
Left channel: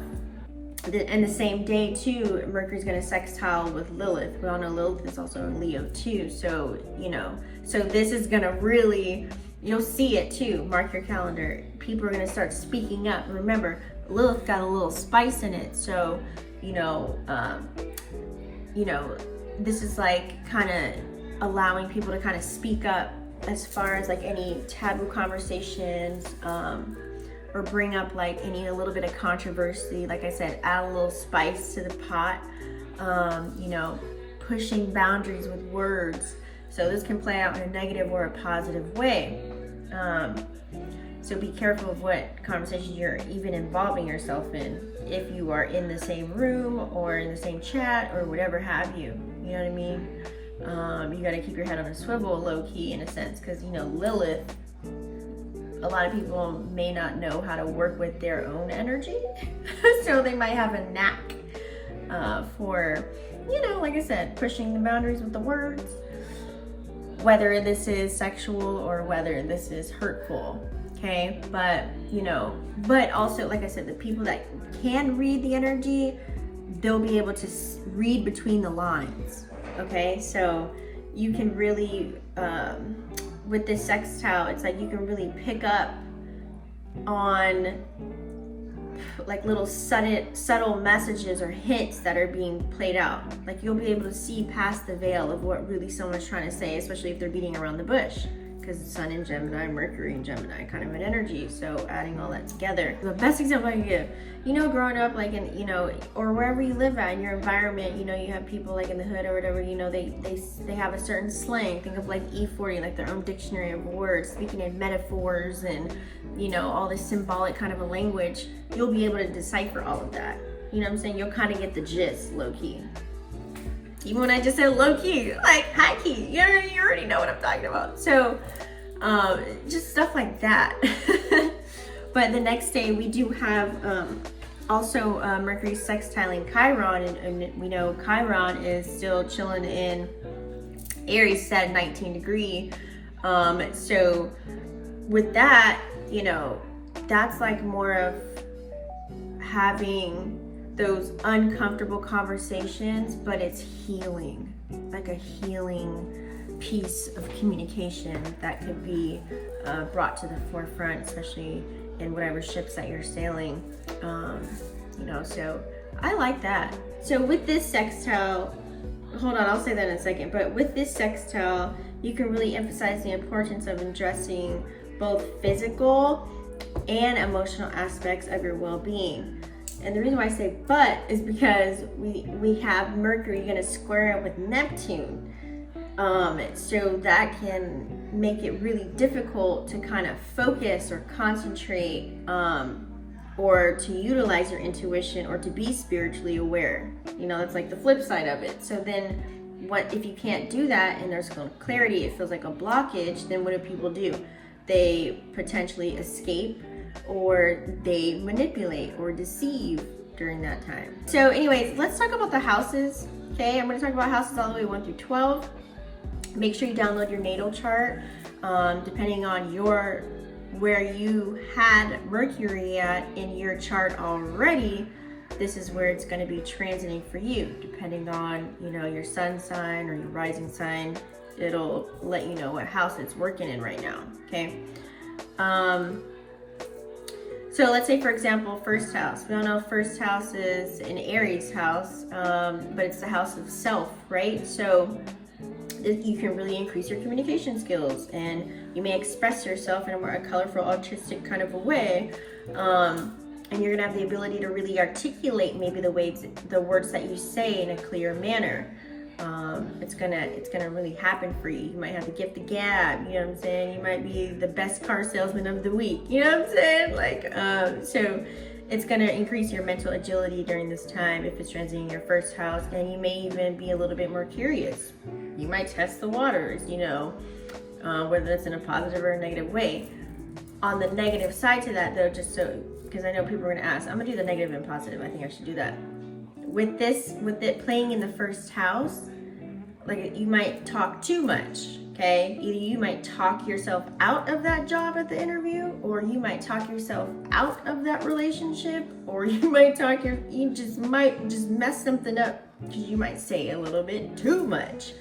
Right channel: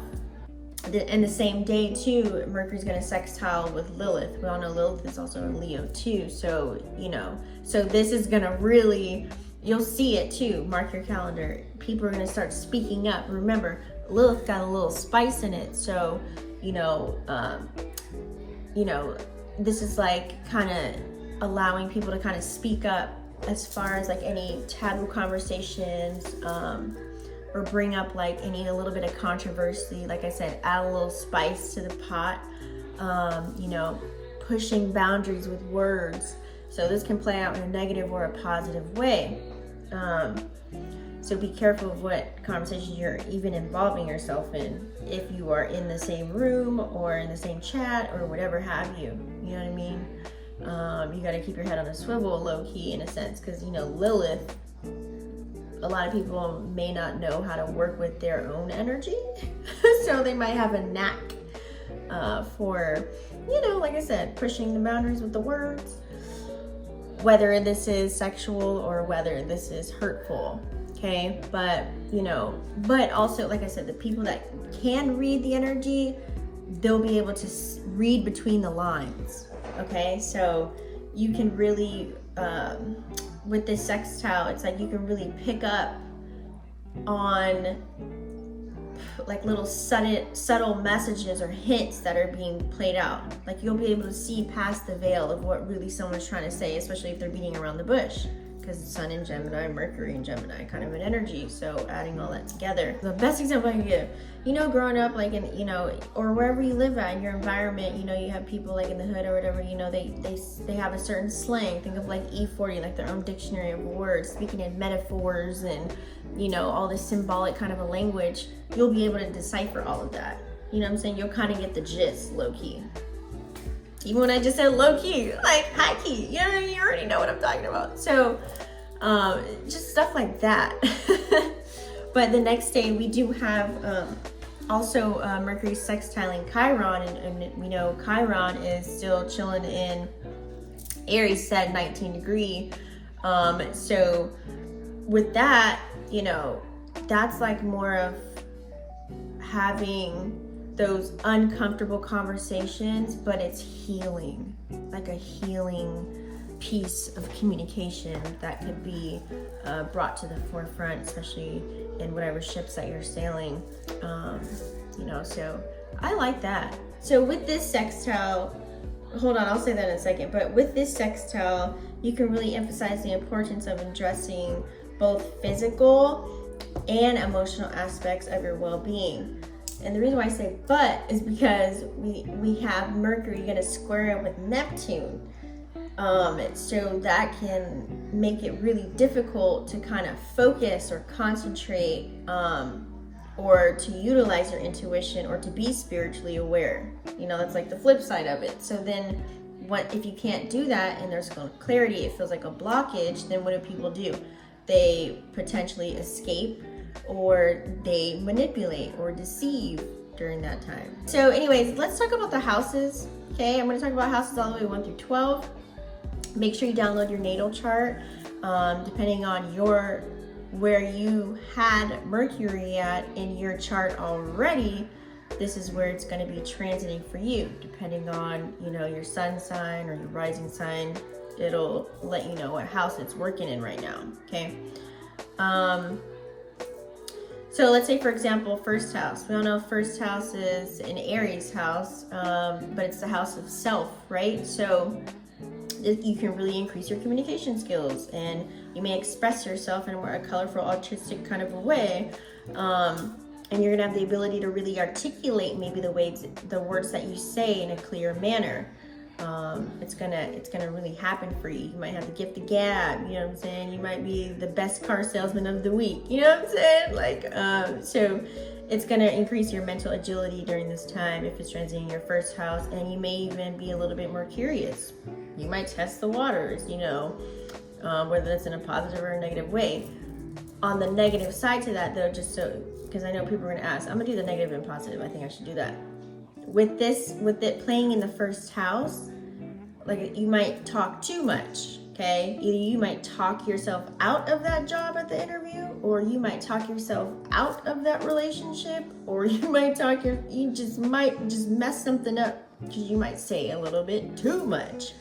And the same day too, Mercury's going to sextile with Lilith. We all know Lilith is also in Leo too. So, you know, so this is going to really, you'll see it too. Mark your calendar. People are going to start speaking up. Remember, Lilith got a little spice in it. So, you know, this is like kind of allowing people to kind of speak up as far as like any taboo conversations, or bring up like a little bit of controversy. Like I said, add a little spice to the pot. You know, pushing boundaries with words. So this can play out in a negative or a positive way. So be careful of what conversations you're even involving yourself in, if you are in the same room or in the same chat or whatever have you. You know what I mean? You got to keep your head on a swivel, low key, in a sense, because you know, Lilith, a lot of people may not know how to work with their own energy. So they might have a knack for, you know, like I said, pushing the boundaries with the words, whether this is sexual or whether this is hurtful. Okay, but you know, but also, like I said, the people that can read the energy, they'll be able to read between the lines. Okay, so you can really, with this sextile, it's like you can really pick up on like little subtle messages or hints that are being played out. Like you'll be able to see past the veil of what really someone's trying to say, especially if they're beating around the bush, because the Sun in Gemini, Mercury in Gemini, kind of an energy. So adding all that together. The best example I can give, you know, growing up, like in, you know, or wherever you live at in your environment, you know, you have people like in the hood or whatever, you know, they have a certain slang. Think of like E40, like their own dictionary of words, speaking in metaphors and, you know, all this symbolic kind of a language. You'll be able to decipher all of that. You know what I'm saying? You'll kind of get the gist, low key. Even when I just said low key, like high key, you already know what I'm talking about. So just stuff like that. But the next day we do have also Mercury sextiling Chiron, and we know Chiron is still chilling in Aries at 19 degree. So with that, you know, that's like more of having those uncomfortable conversations, but it's healing, like a healing piece of communication that could be brought to the forefront, especially in whatever ships that you're sailing. You know, so I like that. So with this sextile, hold on, I'll say that in a second, but with this sextile, you can really emphasize the importance of addressing both physical and emotional aspects of your well-being. And the reason why I say but is because we have Mercury going to square up with Neptune. So that can make it really difficult to kind of focus or concentrate, or to utilize your intuition, or to be spiritually aware. You know, that's like the flip side of it. So then what if you can't do that and there's no clarity, it feels like a blockage, then what do people do? They potentially escape, or they manipulate or deceive during that time. So anyways, let's talk about the houses. Okay, I'm going to talk about houses all the way 1 through 12. Make sure you download your natal chart. Depending on where you had Mercury at in your chart already, this is where it's going to be transiting for you. Depending on, you know, your sun sign or your rising sign, it'll let you know what house it's working in right now. Okay. So let's say, for example, first house. We all know first house is an Aries house, but it's the house of self, right? So you can really increase your communication skills, and you may express yourself in a more colorful, artistic kind of a way. And you're gonna have the ability to really articulate maybe the words that you say in a clear manner. It's gonna really happen for you. You might have the gift of gab, you know what I'm saying? You might be the best car salesman of the week, you know what I'm saying? Like, so it's gonna increase your mental agility during this time if it's transiting your first house, and you may even be a little bit more curious. You might test the waters, you know, whether that's in a positive or a negative way. On the negative side to that though, just so, because I know people are gonna ask, I'm gonna do the negative and positive. I think I should do that. With it playing in the first house, like, you might talk too much, okay? Either you might talk yourself out of that job at the interview, or you might talk yourself out of that relationship, or you might might just mess something up because you might say a little bit too much.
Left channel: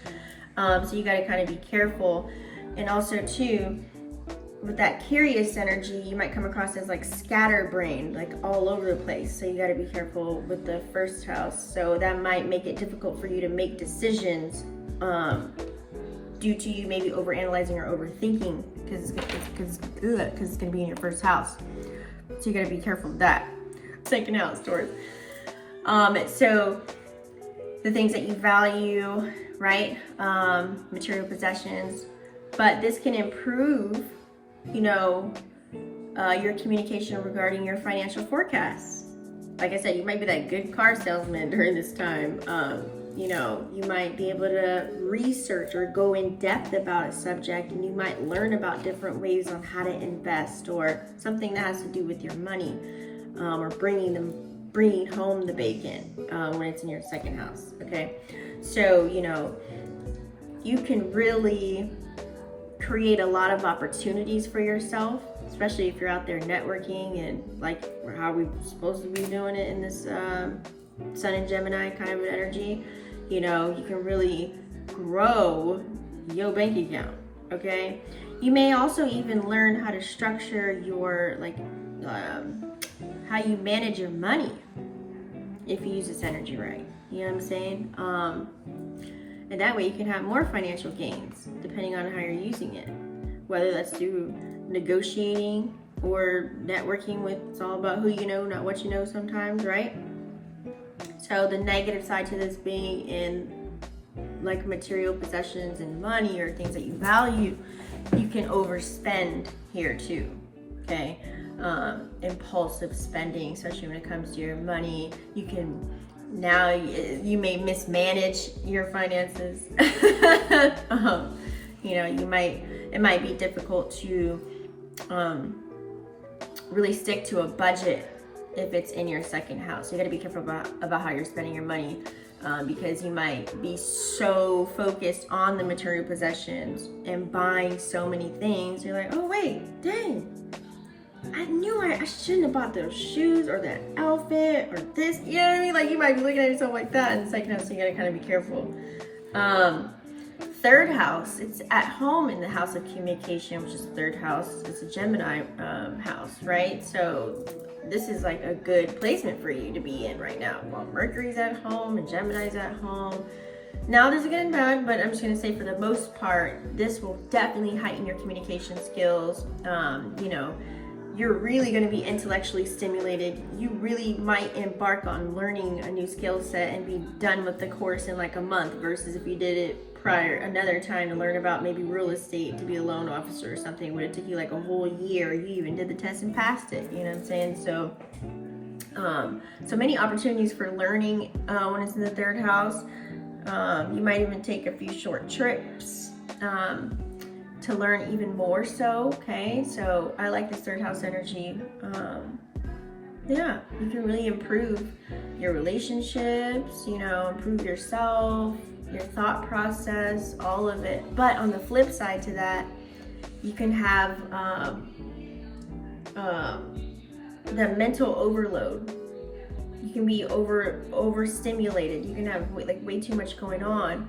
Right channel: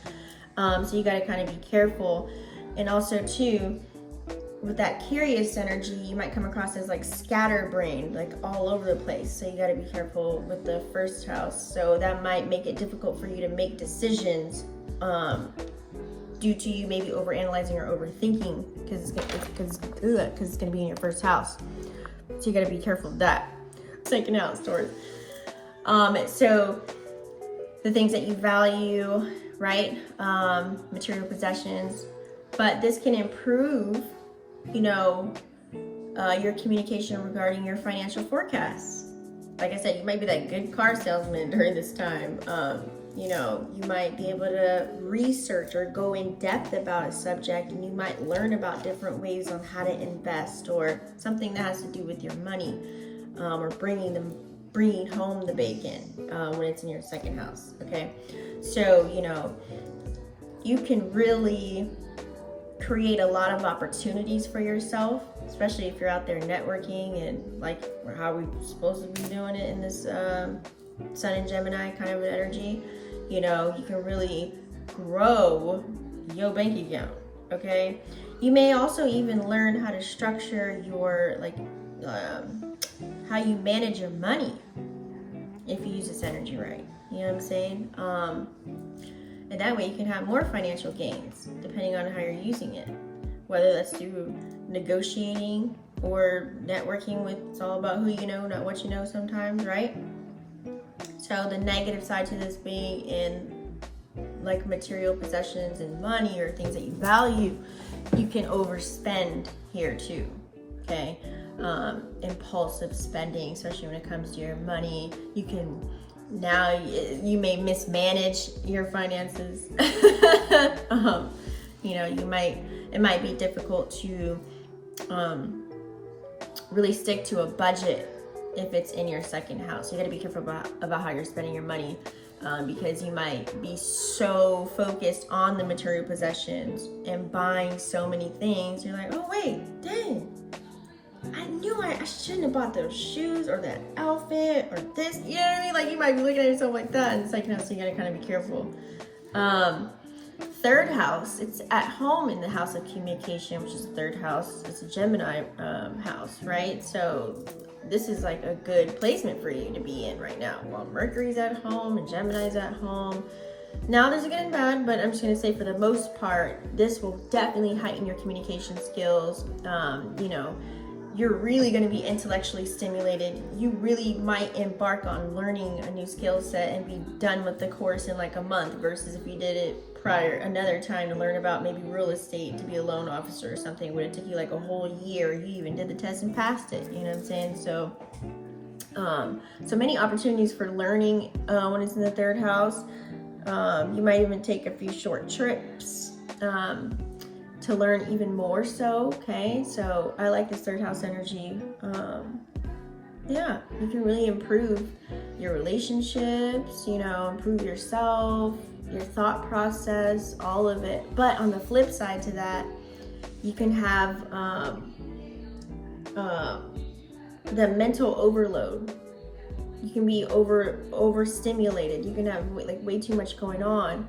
So you gotta kind of be careful. And also too, with that curious energy, you might come across as like scatterbrained, like all over the place. So you got to be careful with the first house. So that might make it difficult for you to make decisions, due to you maybe overanalyzing or overthinking, because it's going to be in your first house. So you got to be careful of that. Second house, Taurus. So the things that you value, right? Material possessions, but this can improve, you know, your communication regarding your financial forecasts. Like I said, you might be that good car salesman during this time. You know, you might be able to research or go in depth about a subject, and you might learn about different ways on how to invest, or something that has to do with your money, or bringing home the bacon when it's in your second house. Okay, so you know, you can really create a lot of opportunities for yourself, especially if you're out there networking, and like how we're supposed to be doing it in this Sun and Gemini kind of energy. You know, you can really grow your bank account. Okay, you may also even learn how to structure your how you manage your money if you use this energy right. You know what I'm saying? And that way you can have more financial gains depending on how you're using it. Whether that's through negotiating or networking with, it's all about who you know, not what you know sometimes, right? So the negative side to this being in like material possessions and money or things that you value, you can overspend here too, okay? Impulsive spending, especially when it comes to your money. You may mismanage your finances. You know, it might be difficult to really stick to a budget if it's in your second house. You got to be careful about how you're spending your money, because you might be so focused on the material possessions and buying so many things. You're like, oh wait, dang, I knew I shouldn't have bought those shoes or that outfit or this. You know what I mean? Like, you might be looking at yourself like that in the second house, so you got to kind of be careful. Third house, it's at home in the house of communication, which is the third house. It's a Gemini house, right? So this is like a good placement for you to be in right now. Well, Mercury's at home and Gemini's at home. Now there's a good and bad, but I'm just going to say for the most part, this will definitely heighten your communication skills. You know, you're really going to be intellectually stimulated. You really might embark on learning a new skill set and be done with the course in like a month, versus if you did it prior another time to learn about maybe real estate, to be a loan officer or something, would it took you like a whole year. You even did the test and passed it, you know what I'm saying? So so many opportunities for learning when it's in the third house. You might even take a few short trips to learn even more so. Okay, so I like this third house energy. Yeah, you can really improve your relationships, you know, improve yourself, your thought process, all of it. But on the flip side to that, you can have the mental overload. You can be overstimulated. You can have like way too much going on,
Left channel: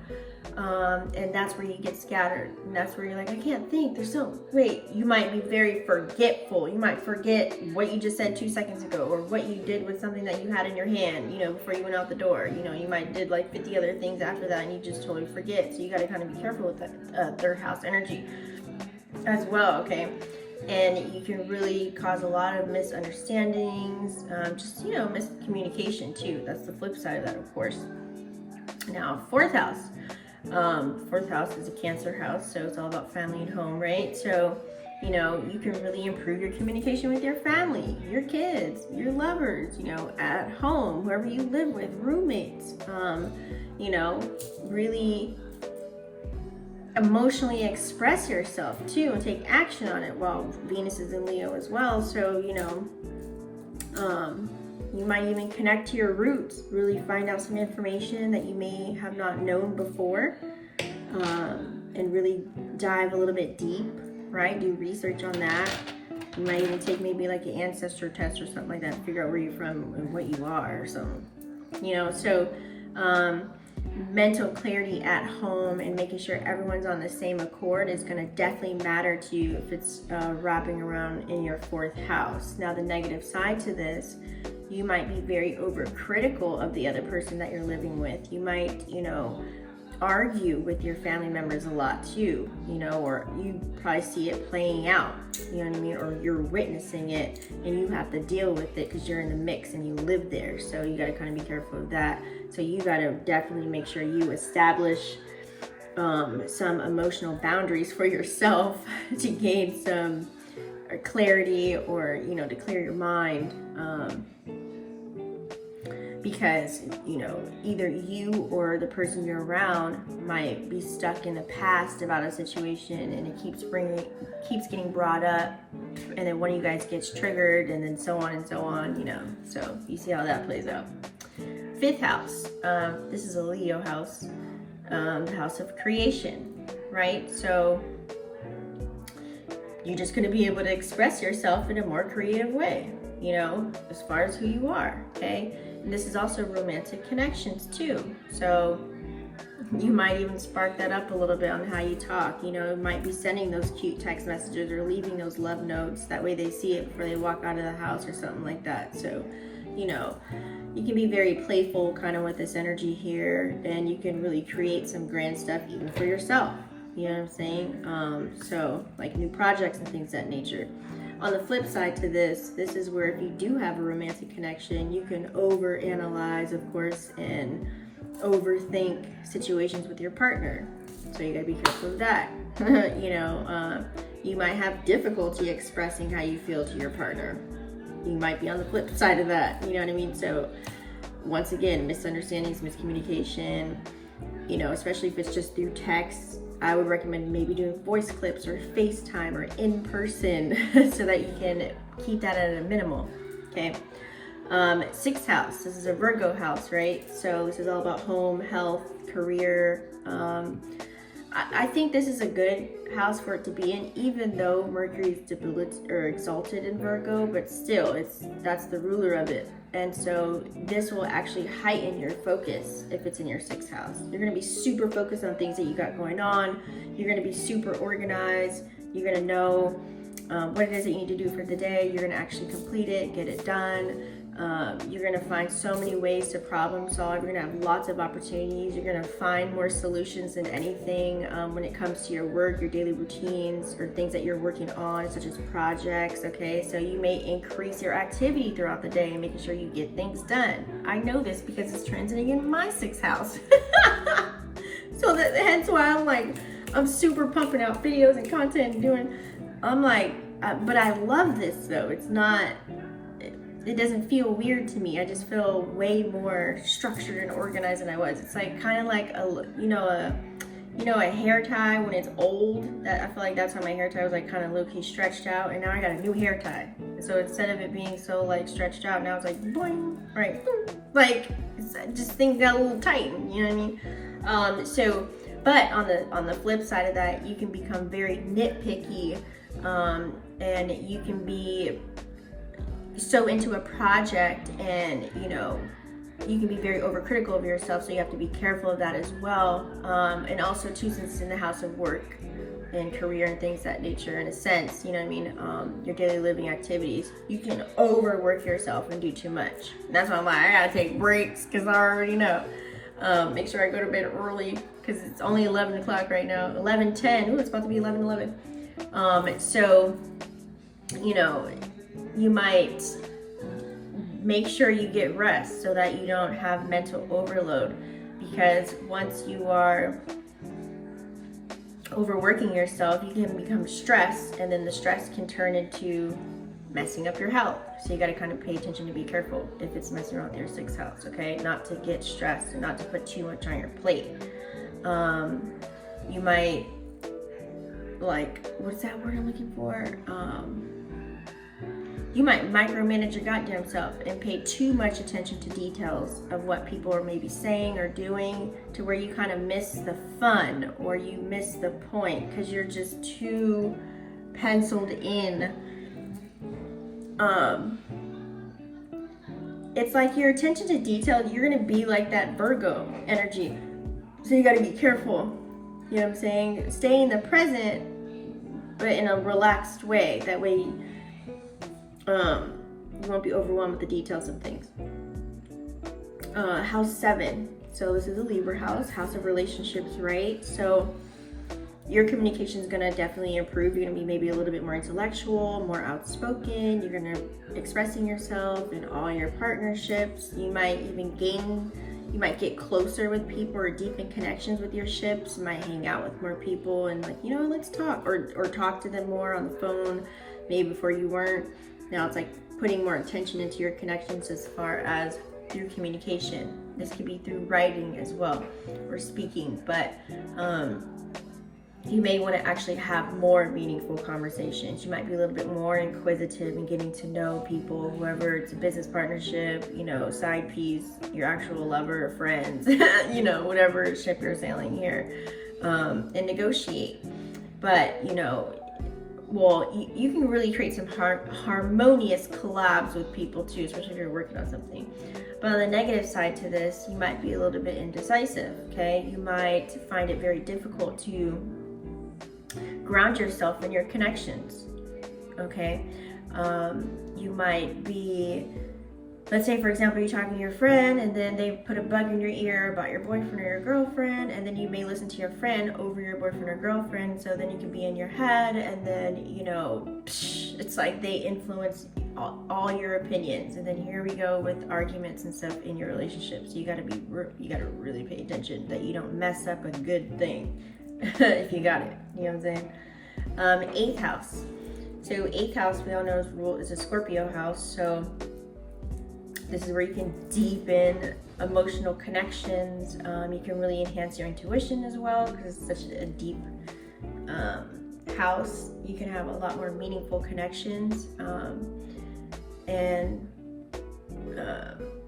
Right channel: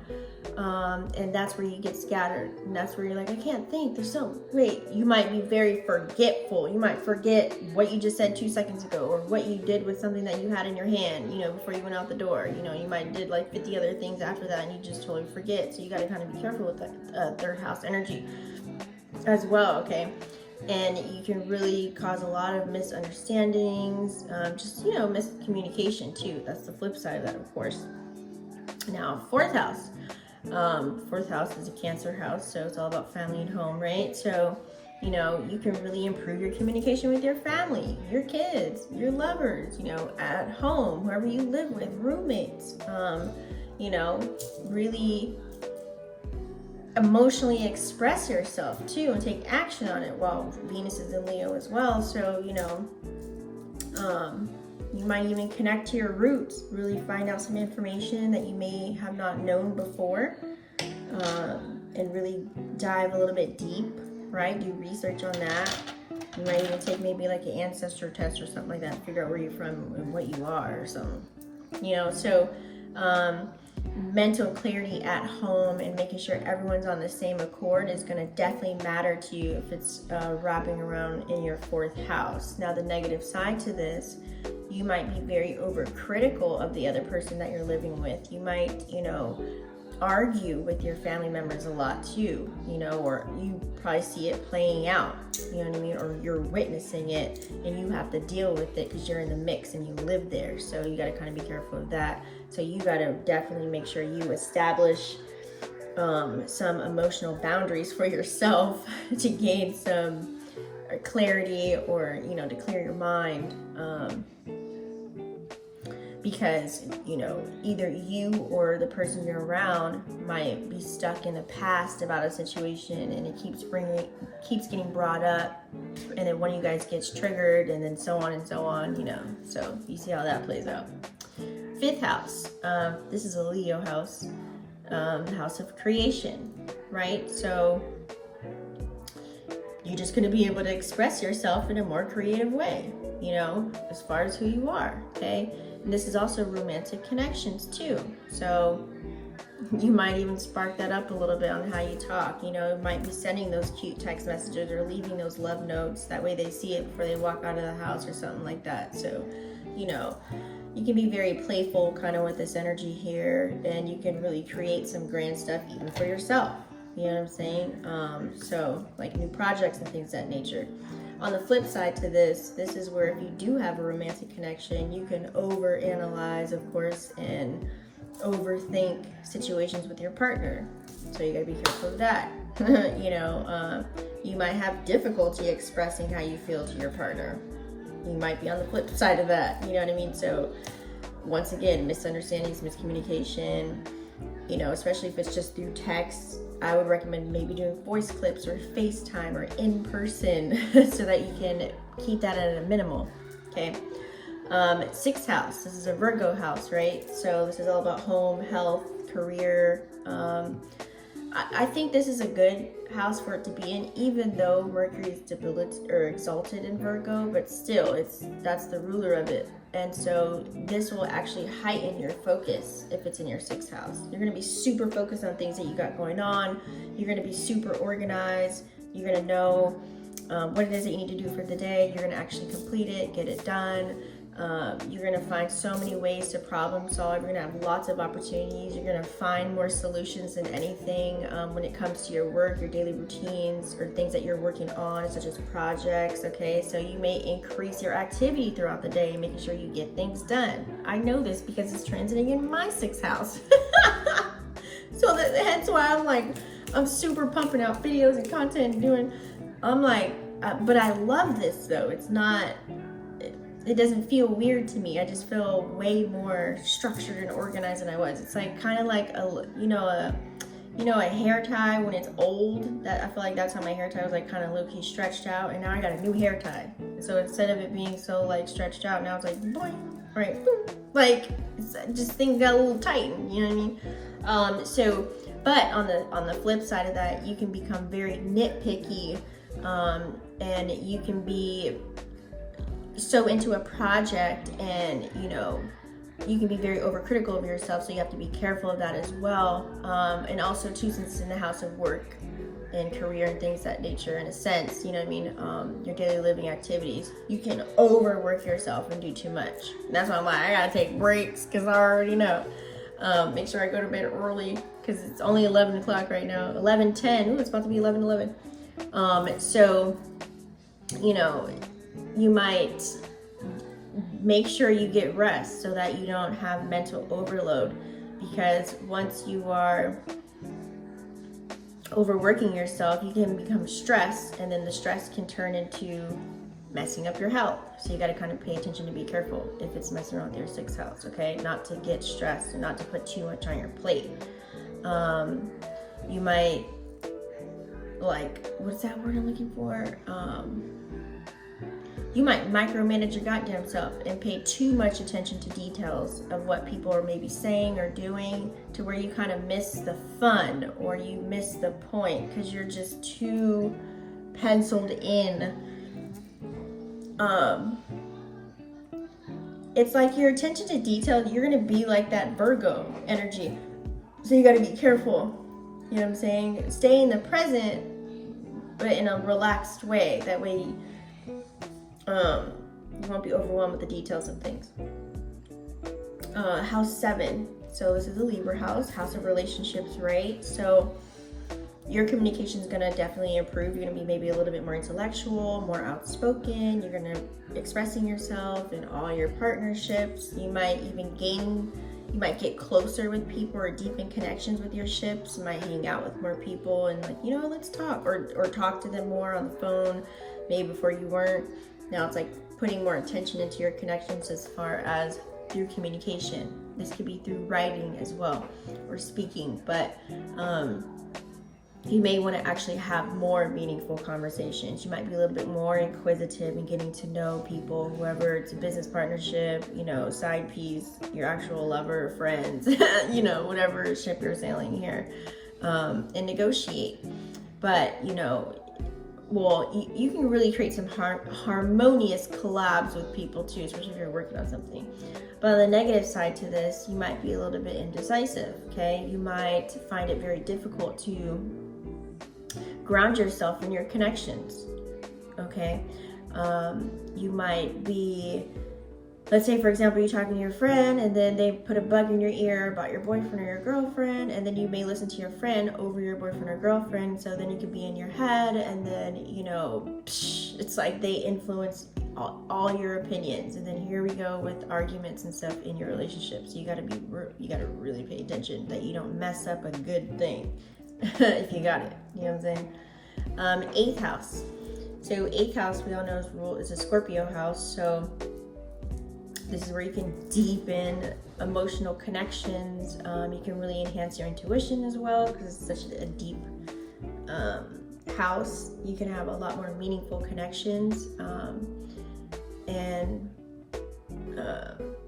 and that's where you get scattered. And that's where you're like, I can't think. You might be very forgetful. You might forget what you just said 2 seconds ago, or what you did with something that you had in your hand, you know, before you went out the door. You know, you might did like 50 other things after that, and you just totally forget. So you got to kind of be careful with that third house energy as well. Okay. And you can really cause a lot of misunderstandings, just, you know, miscommunication too. That's the flip side of that, of course. Now, fourth house. Fourth house is a Cancer house, so it's all about family and home, right? So, you know, you can really improve your communication with your family, your kids, your lovers, you know, at home, whoever you live with, roommates, you know, really emotionally express yourself too and take action on it. Well, Venus is in Leo as well, so you know, you might even connect to your roots, really find out some information that you may have not known before, and really dive a little bit deep, right? Do research on that. You might even take maybe like an ancestor test or something like that to figure out where you're from and what you are or something, you know. So mental clarity at home and making sure everyone's on the same accord is going to definitely matter to you if it's wrapping around in your fourth house. Now, the negative side to this, you might be very overcritical of the other person that you're living with. You might, you know, argue with your family members a lot too, you know, or you probably see it playing out, you know what I mean, or you're witnessing it and you have to deal with it because you're in the mix and you live there. So you got to kind of be careful of that. So you got to definitely make sure you establish some emotional boundaries for yourself to gain some clarity, or, you know, to clear your mind, because, you know, either you or the person you're around might be stuck in the past about a situation, and it keeps getting brought up, and then one of you guys gets triggered, and then so on, you know. So you see how that plays out. Fifth house, this is a Leo house, the house of creation, right? So you're just going to be able to express yourself in a more creative way, you know, as far as who you are, okay? And this is also romantic connections too. So you might even spark that up a little bit on how you talk. You know, it might be sending those cute text messages or leaving those love notes. That way they see it before they walk out of the house or something like that. So, you know, you can be very playful kind of with this energy here, and you can really create some grand stuff even for yourself. You know what I'm saying? So like new projects and things of that nature. On the flip side to this is where if you do have a romantic connection, you can overanalyze, of course, and overthink situations with your partner. So you gotta be careful of that. You know, you might have difficulty expressing how you feel to your partner. You might be on the flip side of that, you know what I mean? So once again, misunderstandings, miscommunication, you know, especially if it's just through text, I would recommend maybe doing voice clips or FaceTime or in person so that you can keep that at a minimal, okay? Sixth house, this is a Virgo house, right? So this is all about home, health, career. I think this is a good house for it to be in, even though Mercury is debilitated or exalted in Virgo, but still, that's the ruler of it. And so this will actually heighten your focus if it's in your sixth house. You're going to be super focused on things that you got going on. You're going to be super organized. You're going to know what it is that you need to do for the day. You're going to actually complete it, get it done. You're going to find so many ways to problem solve. You're going to have lots of opportunities. You're going to find more solutions than anything when it comes to your work, your daily routines, or things that you're working on, such as projects, okay? So you may increase your activity throughout the day and making sure you get things done. I know this because it's transiting in my sixth house. So hence why I'm super pumping out videos and content and but I love this though. It's not, it doesn't feel weird to me. I just feel way more structured and organized than I was. It's like kind of like a hair tie when it's old. That I feel like that's how my hair tie was like kind of low-key stretched out, and now I got a new hair tie. So instead of it being so like stretched out, now it's like boing, right? Boom. Like just things got a little tightened, you know what I mean? But on the flip side of that, you can become very nitpicky, and you can be so into a project, and you can be very overcritical of yourself, so you have to be careful of that as well. And also too, since it's in the house of work and career and things of that nature, in a sense, you know what I mean, your daily living activities, you can overwork yourself and do too much. And that's why I'm like, I gotta take breaks, because I already know. Make sure I go to bed early, because it's only 11 o'clock right now. 11:10. Ooh, it's about to be 11:11. So you might make sure you get rest so that you don't have mental overload, because once you are overworking yourself, you can become stressed, and then the stress can turn into messing up your health. So you got to kind of pay attention to be careful if it's messing around with your sixth house, okay? Not to get stressed and not to put too much on your plate. You might, what's that word I'm looking for? You might micromanage your goddamn self and pay too much attention to details of what people are maybe saying or doing, to where you kind of miss the fun, or you miss the point because you're just too penciled in. It's like your attention to detail, you're gonna be like that Virgo energy. So you gotta be careful. You know what I'm saying? Stay in the present, but in a relaxed way. That way, you won't be overwhelmed with the details of things. House 7. So this is a Libra house of relationships, right? So your communication is gonna definitely improve. You're gonna be maybe a little bit more intellectual, more outspoken. You're gonna expressing yourself in all your partnerships. You might get closer with people or deepen connections with your ships. You might hang out with more people and let's talk, or talk to them more on the phone. Maybe before you weren't. Now it's like putting more attention into your connections as far as through communication. This could be through writing as well, or speaking, but you may want to actually have more meaningful conversations. You might be a little bit more inquisitive in getting to know people, whoever it's a business partnership, side piece, your actual lover, friends, whatever ship you're sailing here, and negotiate. But, you can really create some harmonious collabs with people too, especially if you're working on something. But on the negative side to this, you might be a little bit indecisive, okay? You might find it very difficult to ground yourself in your connections, okay? You might be, let's say for example, you're talking to your friend and then they put a bug in your ear about your boyfriend or your girlfriend, and then you may listen to your friend over your boyfriend or girlfriend, so then you can be in your head, and then it's like they influence all your opinions, and then here we go with arguments and stuff in your relationship. So you gotta really pay attention that you don't mess up a good thing. If you got it, you know what I'm saying? 8th house. So 8th house, we all know, is a Scorpio house. So this is where you can deepen emotional connections. You can really enhance your intuition as well, because it's such a deep house. You can have a lot more meaningful connections. And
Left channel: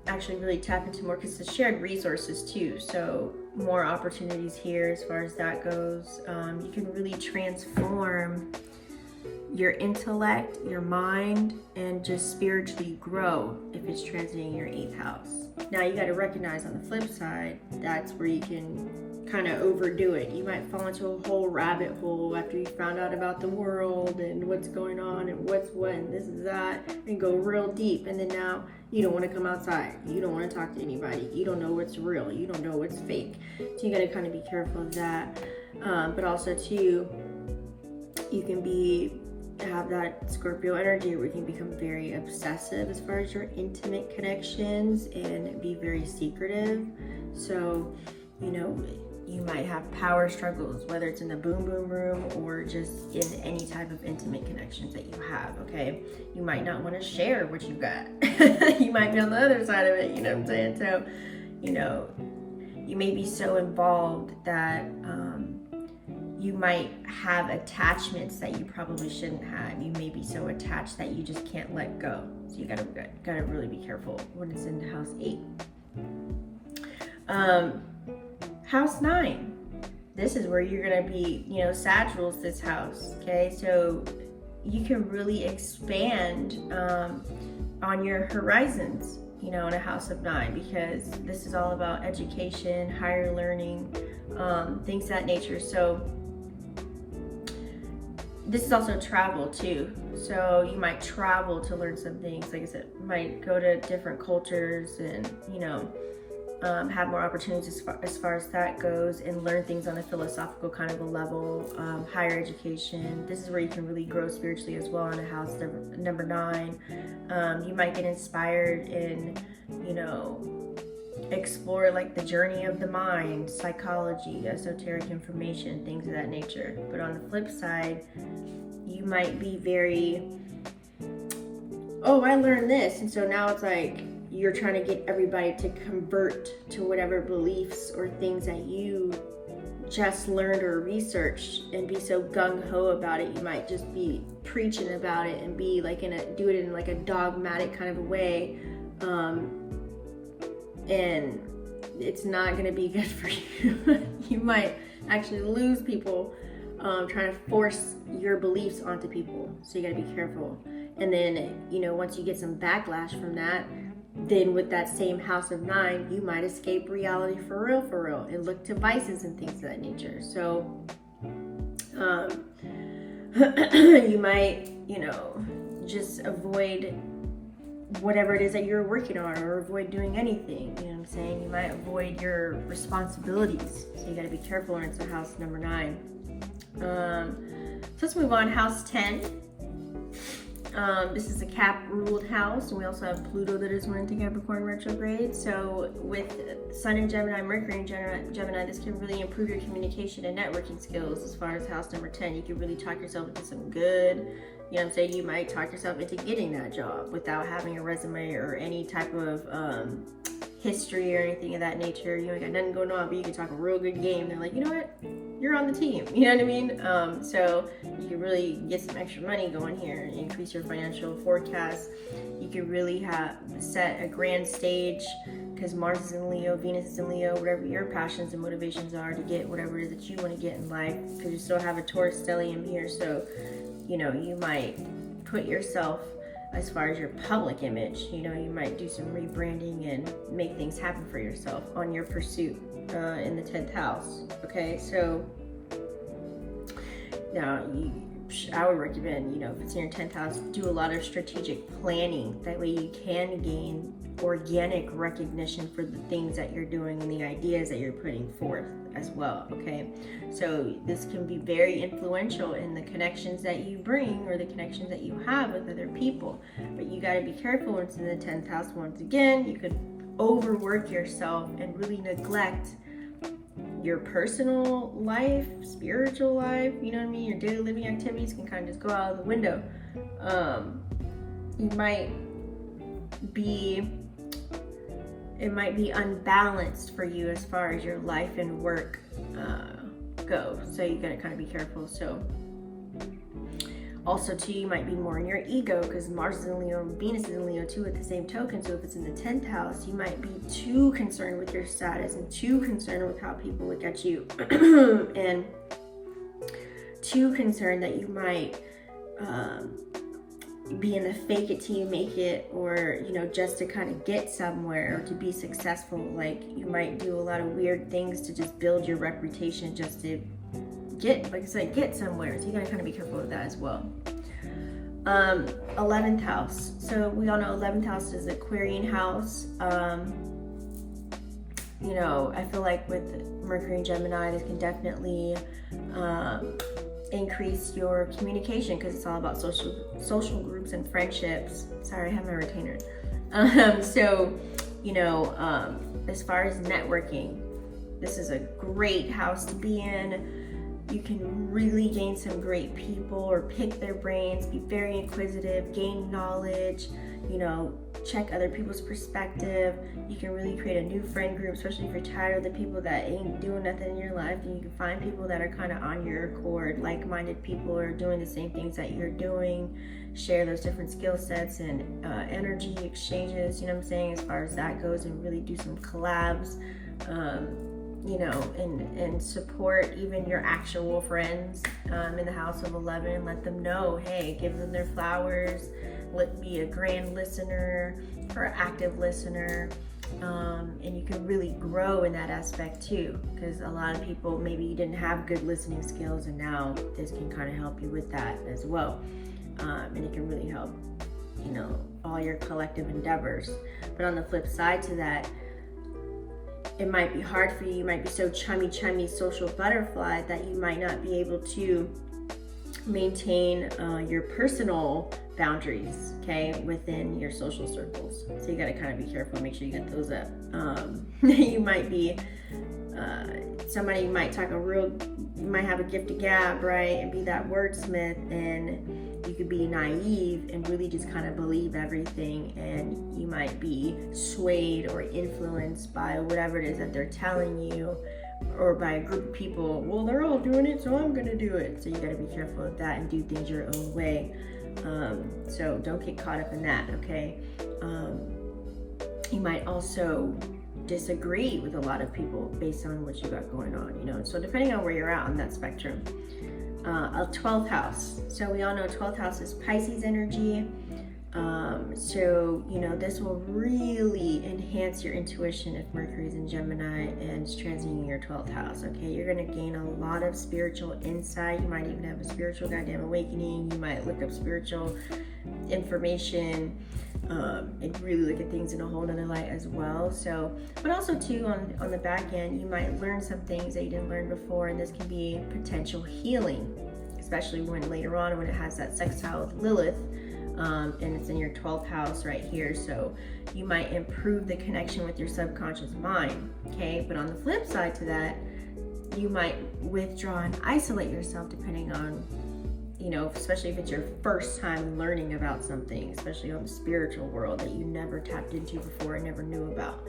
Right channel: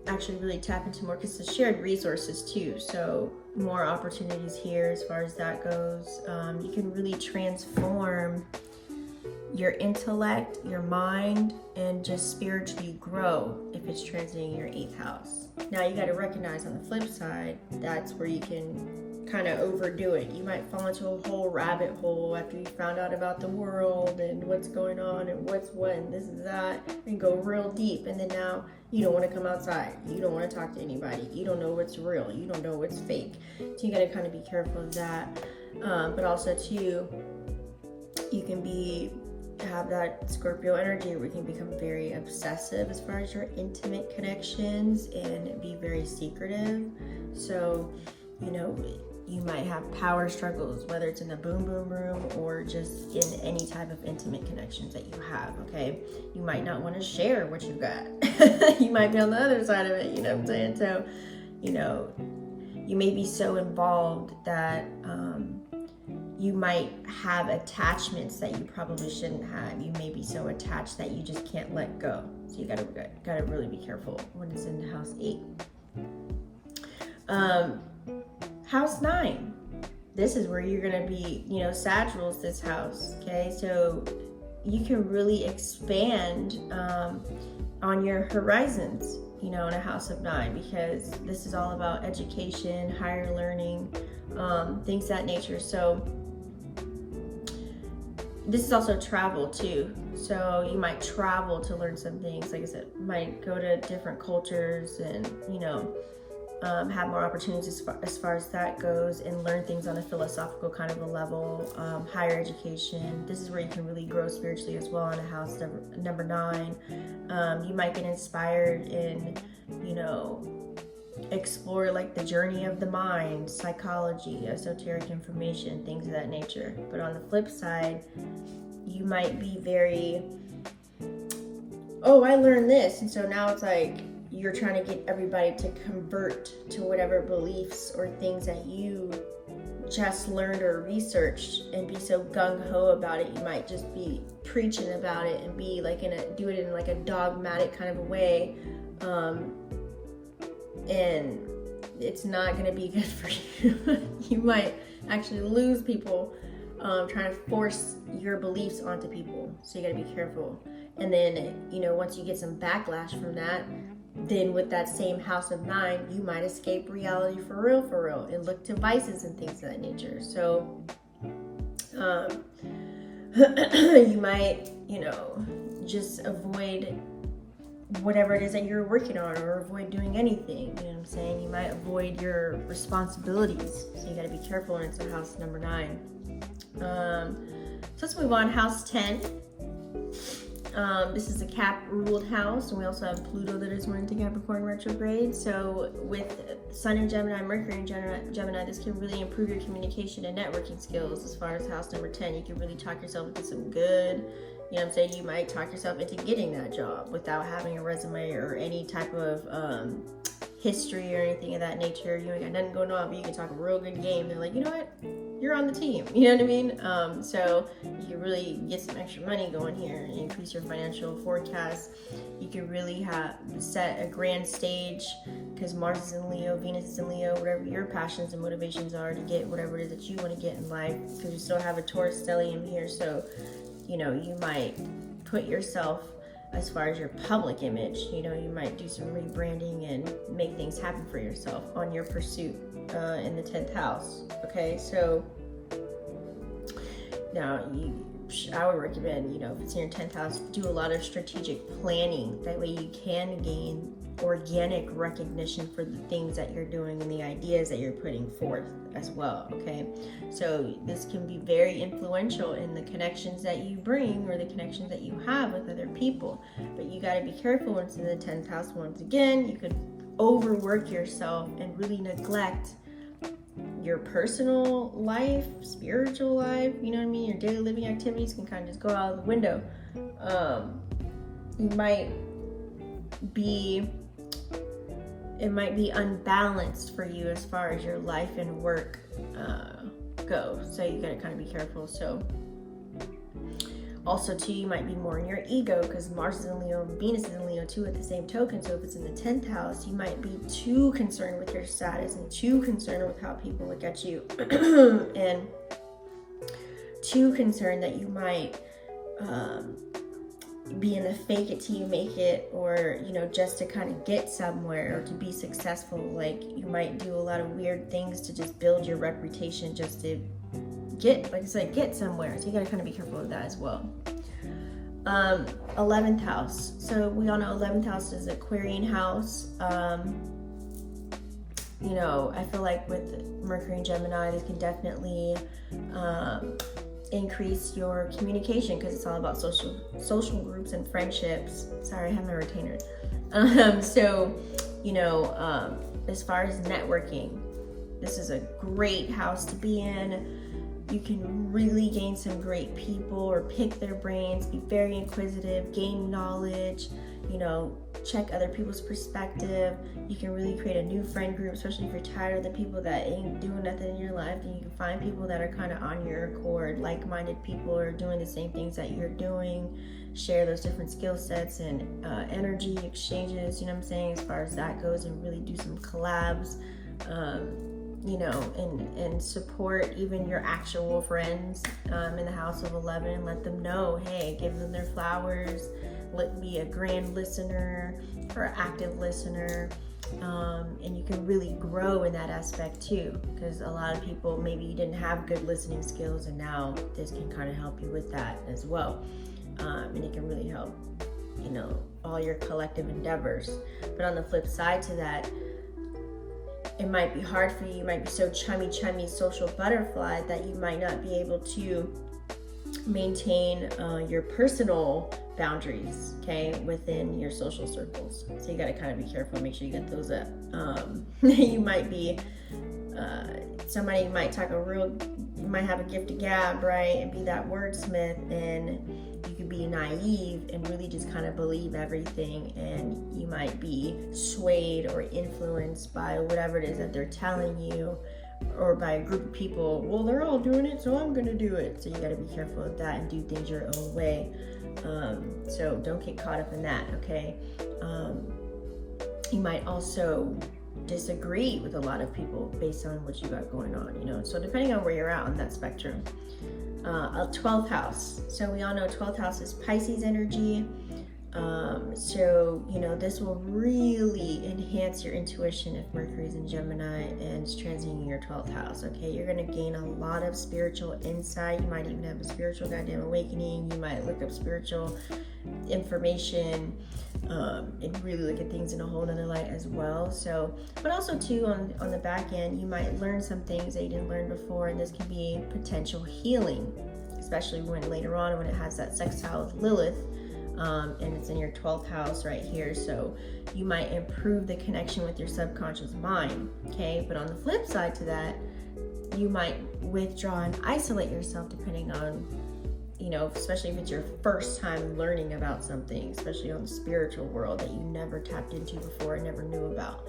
actually really tap into more, because it's shared resources too. So more opportunities here as far as that goes. You can really transform your intellect, your mind, and just spiritually grow if it's transiting your 8th house. Now you got to recognize on the flip side, that's where you can kind of overdo it. You might fall into a whole rabbit hole after you found out about the world and what's going on and what's what and this is that, and go real deep, and then now you don't want to come outside, you don't want to talk to anybody, you don't know what's real, you don't know what's fake. So you got to kind of be careful of that. But also too, you can have that Scorpio energy where you can become very obsessive as far as your intimate connections and be very secretive. So, you know, you might have power struggles, whether it's in the boom boom room or just in any type of intimate connections that you have, okay? You might not want to share what you've got. You might be on the other side of it, you know what I'm saying? So, you know, you may be so involved that you might have attachments that you probably shouldn't have. You may be so attached that you just can't let go. So you gotta really be careful when it's in house 8. House 9. This is where you're gonna be, you know, Sag rules this house, okay? So you can really expand on your horizons, you know, in a house of 9, because this is all about education, higher learning, things of that nature. So this is also travel too. So you might travel to learn some things. Like I said, might go to different cultures and, you know, have more opportunities as far as that goes, and learn things on a philosophical kind of a level, higher education. This is where you can really grow spiritually as well in a house number 9. You might get inspired and, you know, explore like the journey of the mind, psychology, esoteric information, things of that nature. But on the flip side, you might be very, oh, I learned this, and so now it's like you're trying to get everybody to convert to whatever beliefs or things that you just learned or researched, and be so gung-ho about it. You might just be preaching about it and be like do it in like a dogmatic kind of a way, and it's not going to be good for you. You might actually lose people trying to force your beliefs onto people. So you got to be careful. And then, you know, once you get some backlash from that, then with that same house of 9, you might escape reality for real, and look to vices and things of that nature. So you might, you know, just avoid whatever it is that you're working on, or avoid doing anything, you know what I'm saying? You might avoid your responsibilities. So you gotta be careful when it's a house number 9. So let's move on. House 10. This is a Cap ruled house, and we also have Pluto that is running to Capricorn retrograde. So with Sun in Gemini, Mercury in Gemini, this can really improve your communication and networking skills. As far as house number 10, you can really talk yourself into some good, you know what I'm saying? You might talk yourself into getting that job without having a resume or any type of history or anything of that nature. You ain't got nothing going on, but you can talk a real good game. They're like, you know what? You're on the team. You know what I mean? So you can really get some extra money going here and increase your financial forecast. You can really set a grand stage, because Mars is in Leo, Venus is in Leo, whatever your passions and motivations are to get whatever it is that you want to get in life, because you still have a Taurus stellium here. So, you know, you might put yourself, as far as your public image, you know, you might do some rebranding and make things happen for yourself on your pursuit in the 10th house. Okay, so now I would recommend, you know, if it's in your 10th house, do a lot of strategic planning. That way you can gain organic recognition for the things that you're doing and the ideas that you're putting forth as well, okay? So this can be very influential in the connections that you bring or the connections that you have with other people. But you got to be careful when it's in the 10th house. Once again, you could overwork yourself and really neglect your personal life, spiritual life, you know what I mean? Your daily living activities can kind of just go out of the window. It might be unbalanced for you as far as your life and work go. So you gotta kind of be careful. So Also too, you might be more in your ego because Mars is in Leo, Venus is in Leo too at the same token. So if it's in the 10th house, you might be too concerned with your status and too concerned with how people look at you and too concerned that you might be in the fake it till you make it, or just to kind of get somewhere or to be successful. Like you might do a lot of weird things to just build your reputation just to get, like I said, get somewhere. So you gotta kind of be careful with that as well. 11th house. So we all know 11th house is Aquarian house. I feel like with Mercury and Gemini, this can definitely increase your communication because it's all about social groups and friendships. Sorry, I have my retainer. As far as networking, this is a great house to be in. You can really gain some great people or pick their brains, be very inquisitive, gain knowledge, check other people's perspective. You can really create a new friend group, especially if you're tired of the people that ain't doing nothing in your life. Then you can find people that are kind of on your accord, like-minded people are doing the same things that you're doing, share those different skill sets and energy exchanges, as far as that goes, and really do some collabs. And support even your actual friends in the house of 11, and let them know, hey, give them their flowers, be a grand listener or active listener, and you can really grow in that aspect too, because a lot of people, maybe you didn't have good listening skills, and now this can kind of help you with that as well, and it can really help all your collective endeavors. But on the flip side to that, it might be hard for you. You might be so chummy social butterfly that you might not be able to maintain your personal boundaries, okay, within your social circles. So you got to kind of be careful, make sure you get those up. You might be somebody might you might have a gift of gab, right, and be that wordsmith, and you could be naive and really just kind of believe everything, and you might be swayed or influenced by whatever it is that they're telling you, or by a group of people. Well, they're all doing it, so I'm gonna do it. So you got to be careful with that and do things your own way. So don't get caught up in that, okay? You might also disagree with a lot of people based on what you got going on, so depending on where you're at on that spectrum. A 12th house. So we all know 12th house is Pisces energy. So this will really enhance your intuition if Mercury is in Gemini and is transiting your 12th house. Okay, you're going to gain a lot of spiritual insight. You might even have a spiritual goddamn awakening. You might look up spiritual information and really look at things in a whole nother light as well. So, but also too, on the back end, you might learn some things that you didn't learn before, and this can be potential healing, especially when later on when it has that sextile with Lilith. And it's in your 12th house right here. So you might improve the connection with your subconscious mind, okay? But on the flip side to that, you might withdraw and isolate yourself depending on, especially if it's your first time learning about something, especially on the spiritual world that you never tapped into before and never knew about.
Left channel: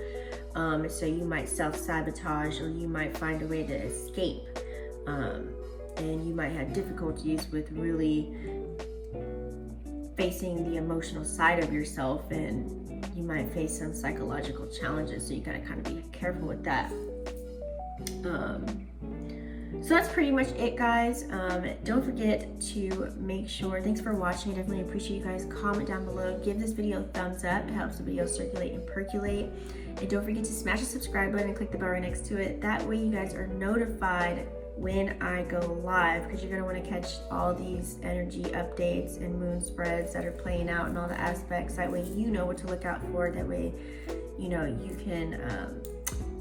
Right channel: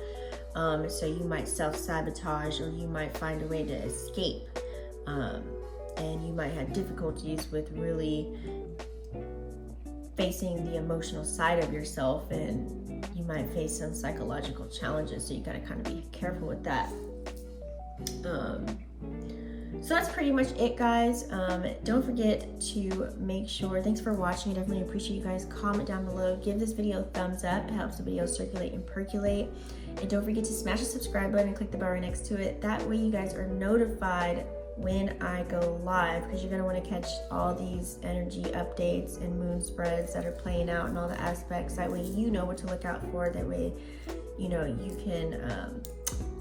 So you might self-sabotage, or you might find a way to escape. And you might have difficulties with really facing the emotional side of yourself, and you might face some psychological challenges, so you gotta kind of be careful with that. So that's pretty much it, guys. Don't forget to make sure, thanks for watching, I definitely appreciate you guys. Comment down below, give this video a thumbs up, it helps the video circulate and percolate, and don't forget to smash the subscribe button and click the bell right next to it. That way you guys are notified when I go live, because you're going to want to catch all these energy updates and moon spreads that are playing out and all the aspects. That way you know what to look out for. That way you can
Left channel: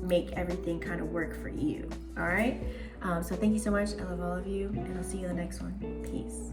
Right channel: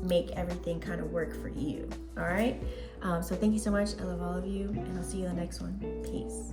make everything kind of work for you. All right, so thank you so much. I love all of you, and I'll see you in the next one. Peace.